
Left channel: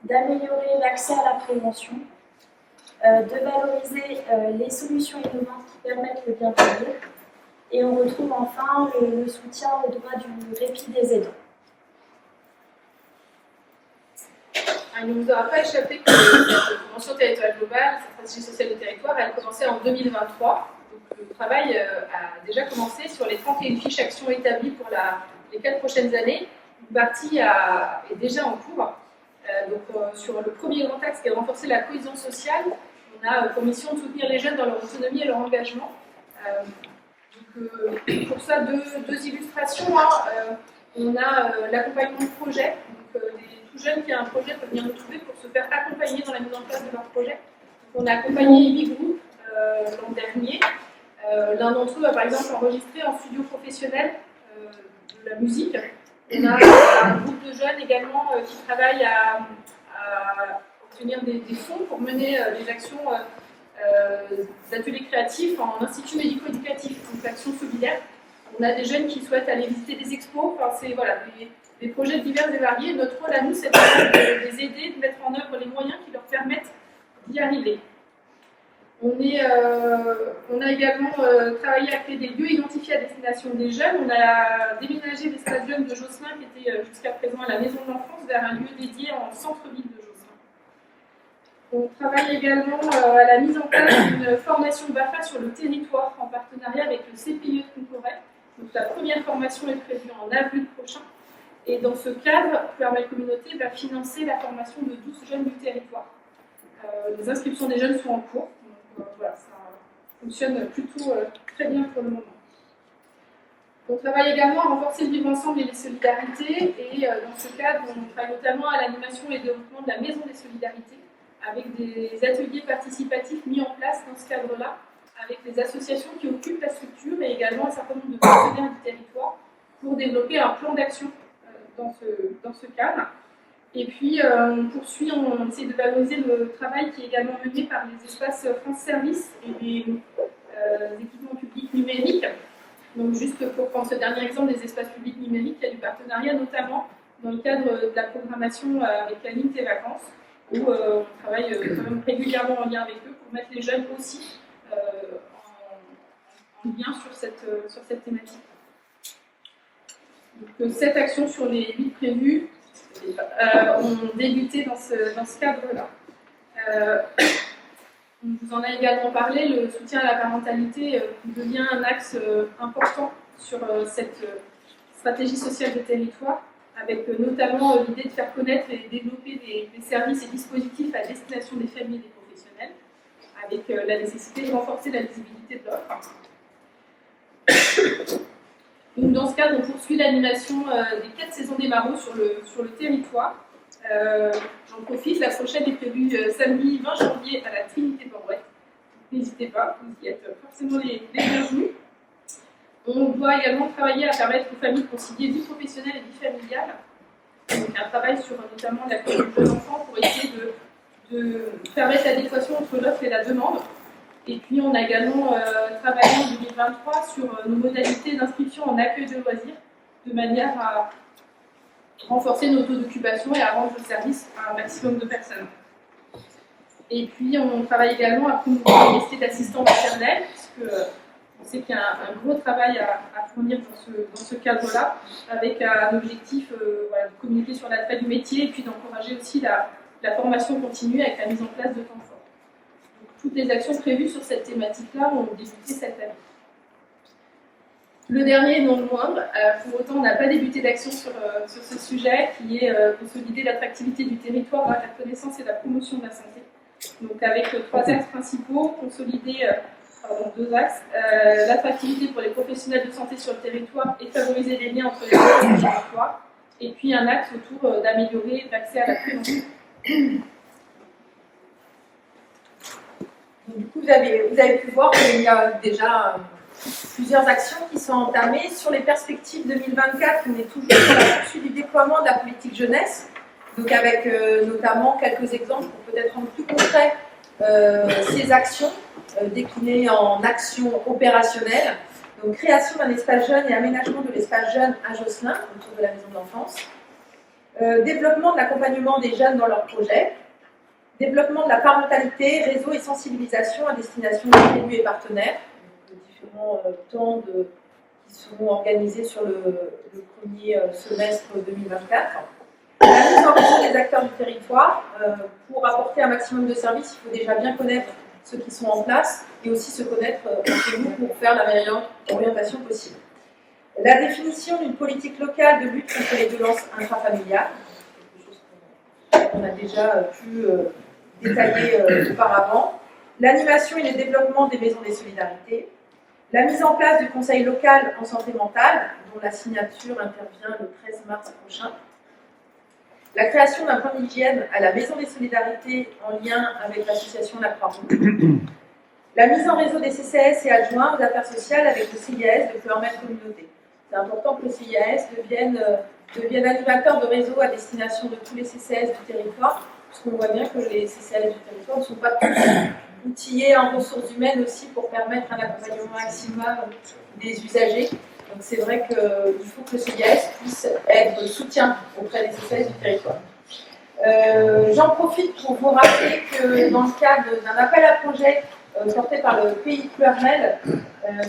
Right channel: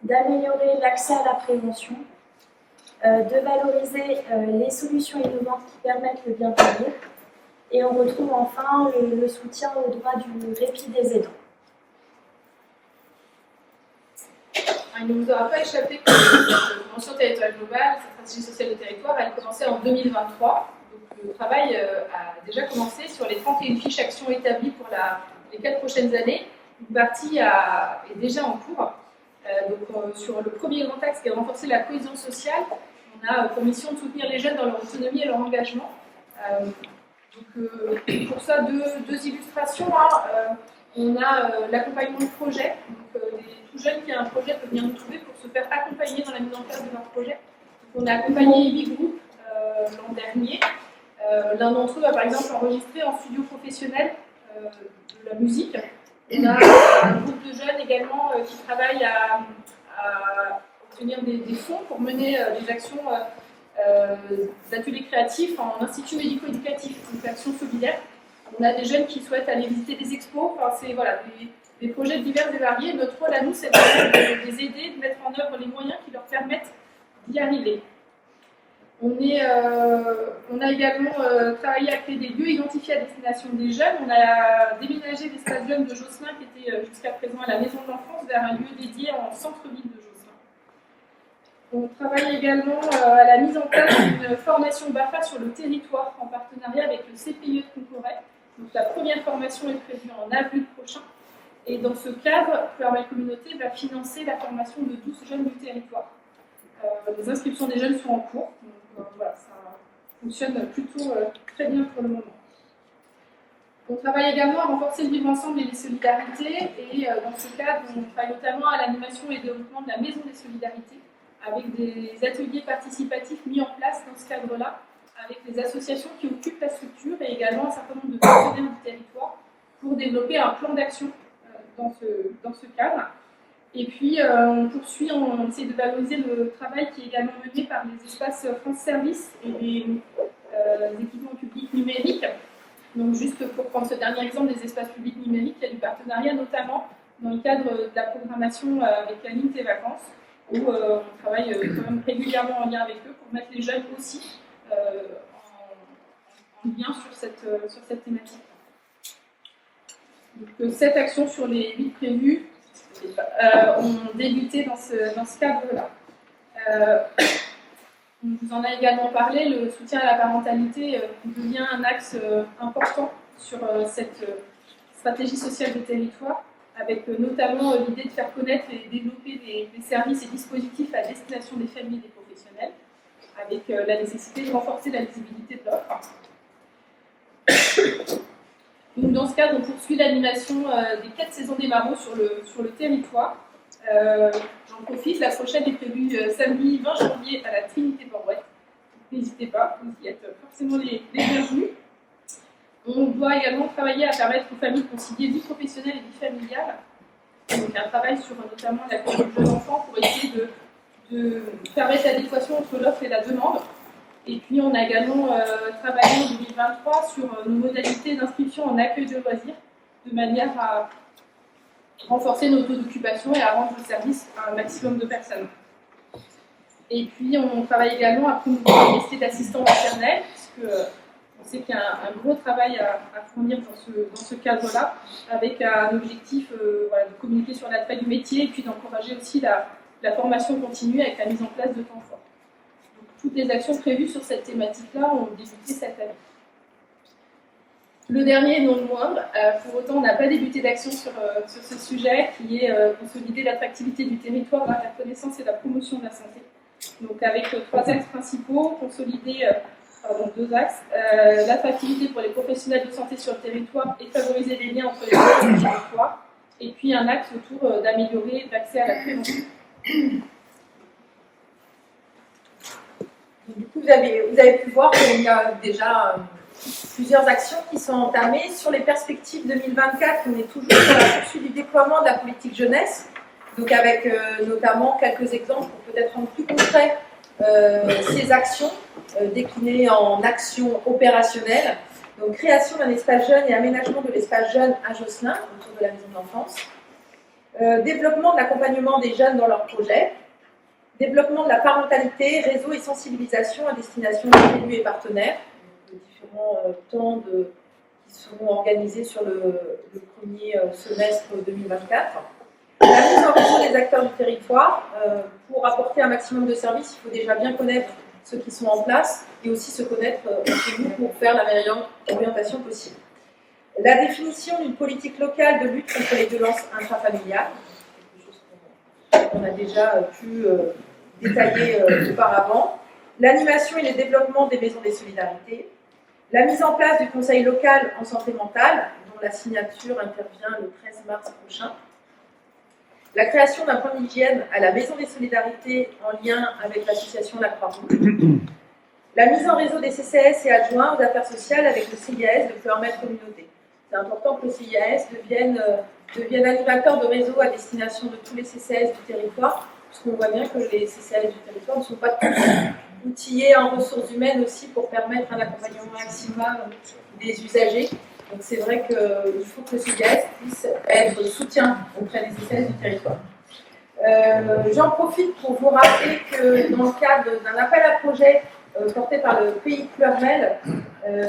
d'améliorer l'accès à la prévention, de valoriser les solutions innovantes qui permettent le bien vieillir, et on retrouve enfin le soutien au droit du répit des aidants. Il ne vous aura pas échappé que la Convention territoriale globale, la stratégie sociale de territoire, elle commençait en 2023. Donc le travail a déjà commencé sur les 31 fiches actions établies pour les 4 prochaines années. Une partie est déjà en cours. Sur le premier grand axe qui est de renforcer la cohésion sociale, on a pour mission de soutenir les jeunes dans leur autonomie et leur engagement. Pour ça, deux illustrations. On a l'accompagnement de projet. Les tout jeunes qui ont un projet peuvent venir nous trouver pour se faire accompagner dans la mise en place de leur projet. Donc, on a accompagné 8 groupes l'an dernier. L'un d'entre eux a par exemple enregistré en studio professionnel de la musique. On a un groupe de jeunes également qui travaillent à obtenir des fonds pour mener des actions d'ateliers créatifs en institut médico-éducatif, donc l'action solidaire. On a des jeunes qui souhaitent aller visiter des expos, c'est des projets divers et variés. Notre rôle à nous, c'est de les aider, de mettre en œuvre les moyens qui leur permettent d'y arriver. On a également travaillé à créer des lieux identifiés à destination des jeunes. On a déménagé l'espace jeunes de Josselin, qui était jusqu'à présent à la Maison de l'Enfance, vers un lieu dédié en centre-ville de Josselin. On travaille également à la mise en place d'une formation BAFA sur le territoire en partenariat avec le CPIE de Concoret. Donc la première formation est prévue en avril prochain. Et dans ce cadre, Puermel Communauté va financer la formation de 12 jeunes du territoire. Les inscriptions des jeunes sont en cours. Donc ça fonctionne plutôt très bien pour le moment. On travaille également à renforcer le vivre ensemble et les solidarités. Et dans ce cadre, on travaille notamment à l'animation et développement de la Maison des Solidarités, avec des ateliers participatifs mis en place dans ce cadre-là, avec les associations qui occupent la structure et également un certain nombre de partenaires du territoire pour développer un plan d'action dans ce cadre. Et puis, on poursuit, on essaie de valoriser le travail qui est également mené par les espaces France Service et les équipements publics numériques. Donc, juste pour prendre ce dernier exemple des espaces publics numériques, il y a du partenariat notamment dans le cadre de la programmation avec la ligne Tes Vacances, où on travaille quand même régulièrement en lien avec eux pour mettre les jeunes aussi en lien sur cette thématique. Donc, 7 actions sur les 8 prévues ont débuté dans ce cadre-là. On vous en a également parlé, le soutien à la parentalité devient un axe important sur cette stratégie sociale de territoire, avec notamment l'idée de faire connaître et développer des services et dispositifs à destination des familles et des professionnels, avec la nécessité de renforcer la visibilité de l'offre. Donc, dans ce cadre, on poursuit l'animation des 4 saisons des marauds sur le territoire. J'en profite, la prochaine est prévue samedi 20 janvier à la Trinité-Port-Ouest. N'hésitez pas, vous y êtes forcément les bienvenus. On doit également travailler à permettre aux familles de concilier vie professionnelle et vie familiale. Donc un travail sur notamment l'accueil du jeune enfant pour essayer de permettre l'adéquation entre l'offre et la demande. Et puis on a également travaillé en 2023 sur nos modalités d'inscription en accueil de loisirs, de manière à renforcer nos taux d'occupation et à rendre le service à un maximum de personnes. Et puis on travaille également à promouvoir les métiers d'assistant maternel, puisque on sait qu'il y a un gros travail à fournir dans ce cadre-là, avec un objectif de communiquer sur l'attrait du métier et puis d'encourager aussi la formation continue avec la mise en place de temps forts. Donc, toutes les actions prévues sur cette thématique-là ont débuté cette année. Le dernier, non le moindre, pour autant on n'a pas débuté d'action sur ce sujet, qui est consolider l'attractivité du territoire, la connaissance et la promotion de la santé. Donc avec 3 axes principaux, consolider 2 axes, l'attractivité pour les professionnels de santé sur le territoire et favoriser les liens entre les deux et le territoire, et puis un axe autour d'améliorer l'accès à la prévention. Donc, du coup, vous avez pu voir qu'il y a déjà plusieurs actions qui sont entamées. Sur les perspectives 2024, on est toujours sur la poursuite du déploiement de la politique jeunesse, donc avec notamment quelques exemples pour peut-être rendre plus concret ces actions déclinées en actions opérationnelles. Donc création d'un espace jeune et aménagement de l'espace jeune à Josselin, autour de la maison de l'enfance. Développement de l'accompagnement des jeunes dans leurs projets. Développement de la parentalité, réseau et sensibilisation à destination des élus et partenaires. Donc, différents temps qui seront organisés sur le premier semestre 2024. La mise en réseau des acteurs du territoire. Pour apporter un maximum de services, il faut déjà bien connaître ceux qui sont en place et aussi se connaître entre nous pour faire la meilleure orientation possible. La définition d'une politique locale de lutte contre les violences intrafamiliales, quelque chose qu'on a déjà pu détailler auparavant. L'animation et le développement des maisons des solidarités. La mise en place du conseil local en santé mentale, dont la signature intervient le 13 mars prochain. La création d'un point d'hygiène à la Maison des Solidarités en lien avec l'association La Croix-Rouge. La mise en réseau des CCAS et adjoints aux affaires sociales avec le CIAS de Fleur-Mère Communauté. C'est important que le CIAS devienne animateur de réseau à destination de tous les CCAS du territoire, parce qu'on voit bien que les CCAS du territoire ne sont pas tous outillés en ressources humaines aussi pour permettre un accompagnement maximal des usagers. Donc c'est vrai qu'il faut que le CIAS puisse être soutien auprès des CCAS du territoire. J'en profite pour vous rappeler que dans le cadre d'un appel à projet porté par le pays Pleurmel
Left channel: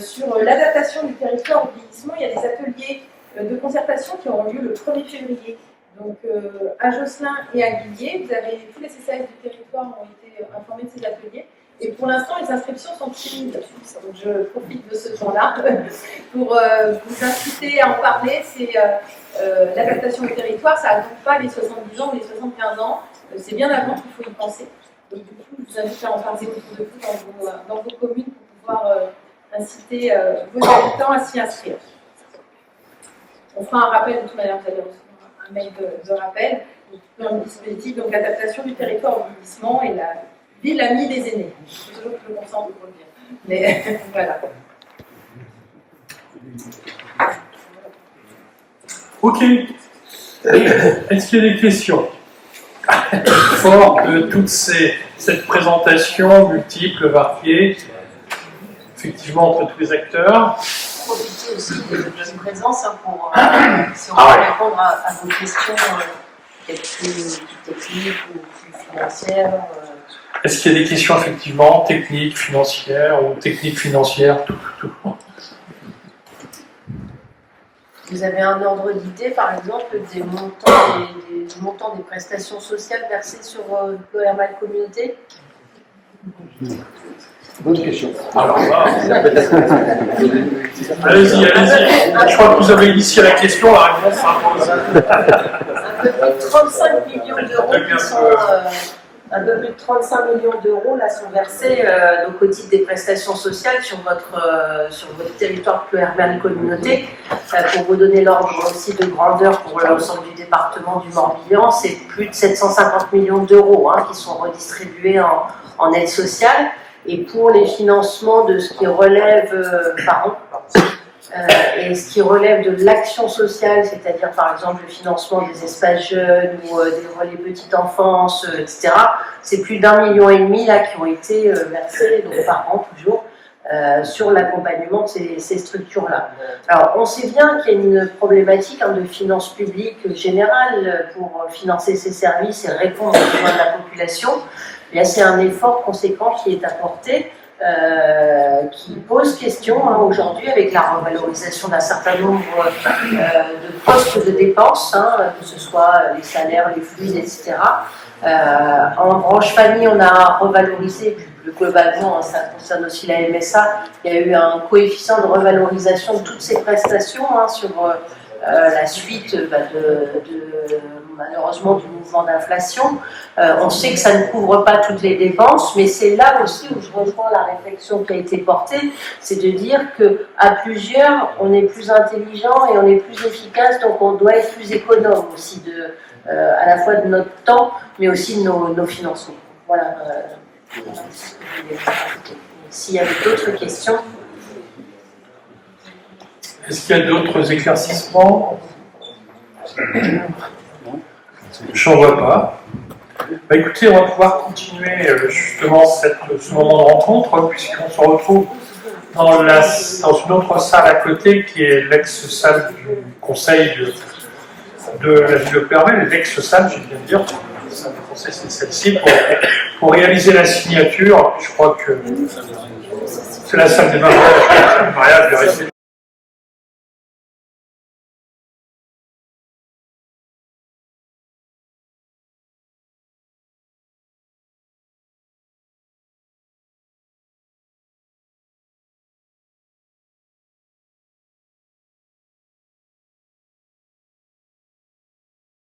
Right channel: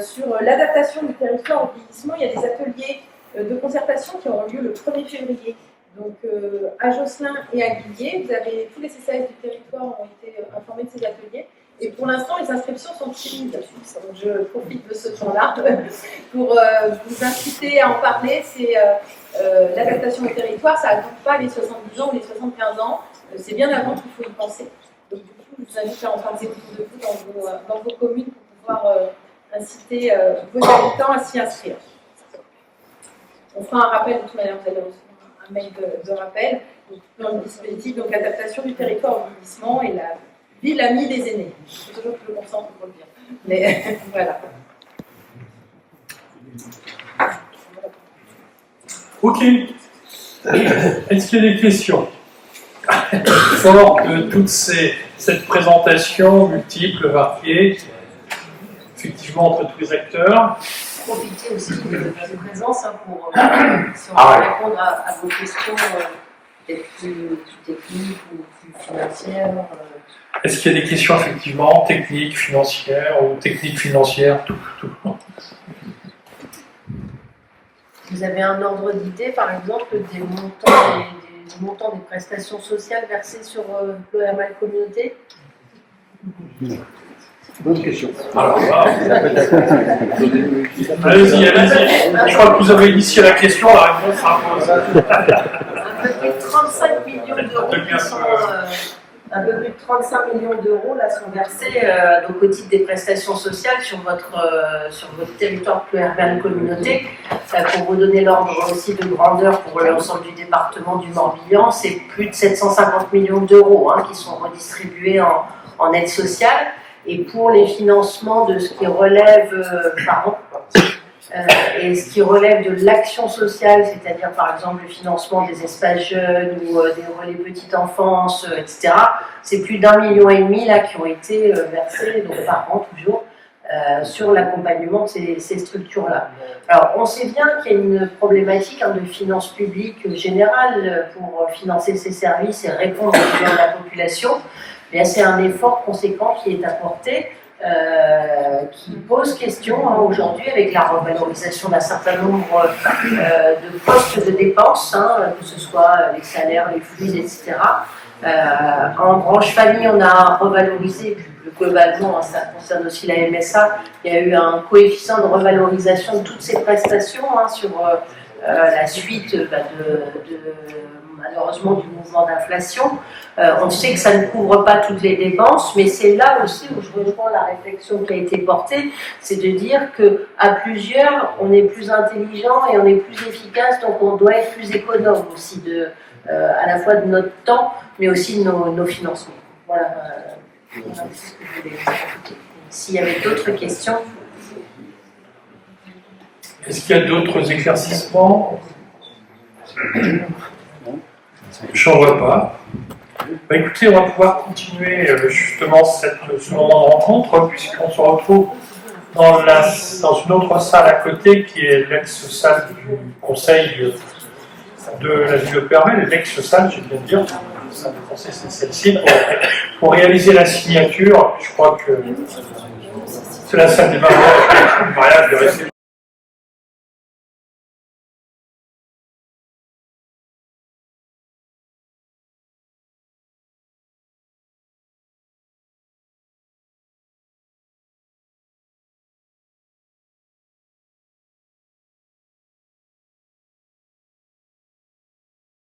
sur l'adaptation du territoire au vieillissement, il y a des ateliers de concertation qui auront lieu le 1er février. Donc à Josselin et à Guillier, tous les CCAS du territoire ont été informés de ces ateliers. Et pour l'instant, les inscriptions sont timides. Donc je profite de ce temps-là pour vous inciter à en parler. C'est l'adaptation au territoire, ça n'attend pas les 70 ans ou les 75 ans. C'est bien avant qu'il faut y penser. Donc du coup, je vous invite à en parler autour de vous dans vos communes pour pouvoir inciter vos habitants à s'y inscrire. On fera un rappel de toute manière, vous allez recevoir un mail de rappel. Donc, dans le dispositif, donc adaptation du territoire au vieillissement et ville amie des aînés. C'est toujours plus bon sens pour le dire. Mais voilà. Ok. Est-ce qu'il y a des questions? Fort de toute cette présentation multiple, variée, effectivement entre tous les acteurs. Profiter aussi de votre présence pour si on Ah peut ouais. répondre à vos questions peut-être plus techniques ou plus financières. Est-ce qu'il y a des questions effectivement techniques, financières ou techniques financières, tout. Vous avez un ordre d'idée, par exemple, des montants des prestations sociales versées sur l'ORMAL Communauté? Bonne question. Alors là, allez-y. Je crois que vous avez initié la question, la réponse s'impose. Un peu plus de 35 millions d'euros qui sont... un peu plus de 35 millions d'euros là sont versés donc au titre des prestations sociales sur votre territoire PLURMAL Communauté. Pour vous donner l'ordre aussi de grandeur pour l'ensemble du département du Morbihan, c'est plus de 750 millions d'euros qui sont redistribués en aide sociale. Et pour les financements de ce qui relève et ce qui relève de l'action sociale, c'est-à-dire par exemple le financement des espaces jeunes ou des relais petite enfance, etc., c'est plus d'1,5 million là qui ont été versés donc par an toujours sur l'accompagnement de ces structures-là. Alors on sait bien qu'il y a une problématique de finances publiques générale pour financer ces services et répondre aux besoins de la population. Mais c'est un effort conséquent qui est apporté, qui pose question aujourd'hui avec la revalorisation d'un certain nombre de postes de dépenses, que ce soit les salaires, les fluides, etc. En branche famille, on a revalorisé plus globalement, ça concerne aussi la MSA, il y a eu un coefficient de revalorisation de toutes ces prestations sur la suite malheureusement du mouvement d'inflation. On sait que ça ne couvre pas toutes les dépenses, mais c'est là aussi où je rejoins la réflexion qui a été portée, c'est de dire qu'à plusieurs, on est plus intelligent et on est plus efficace, donc on doit être plus économe aussi à la fois de notre temps, mais aussi de nos financements. Voilà ce que je voulais ajouter. S'il y avait d'autres questions. Est-ce qu'il y a d'autres éclaircissements? Je n'en vois pas. Écoutez, on va pouvoir continuer justement ce moment de rencontre, puisqu'on se retrouve dans une autre salle à côté, qui est l'ex-salle du conseil de la ville de Permel, l'ex-salle, j'ai bien de dire, la salle du conseil, c'est celle-ci, pour réaliser la signature. Je crois que c'est la salle des mariages, je vais rester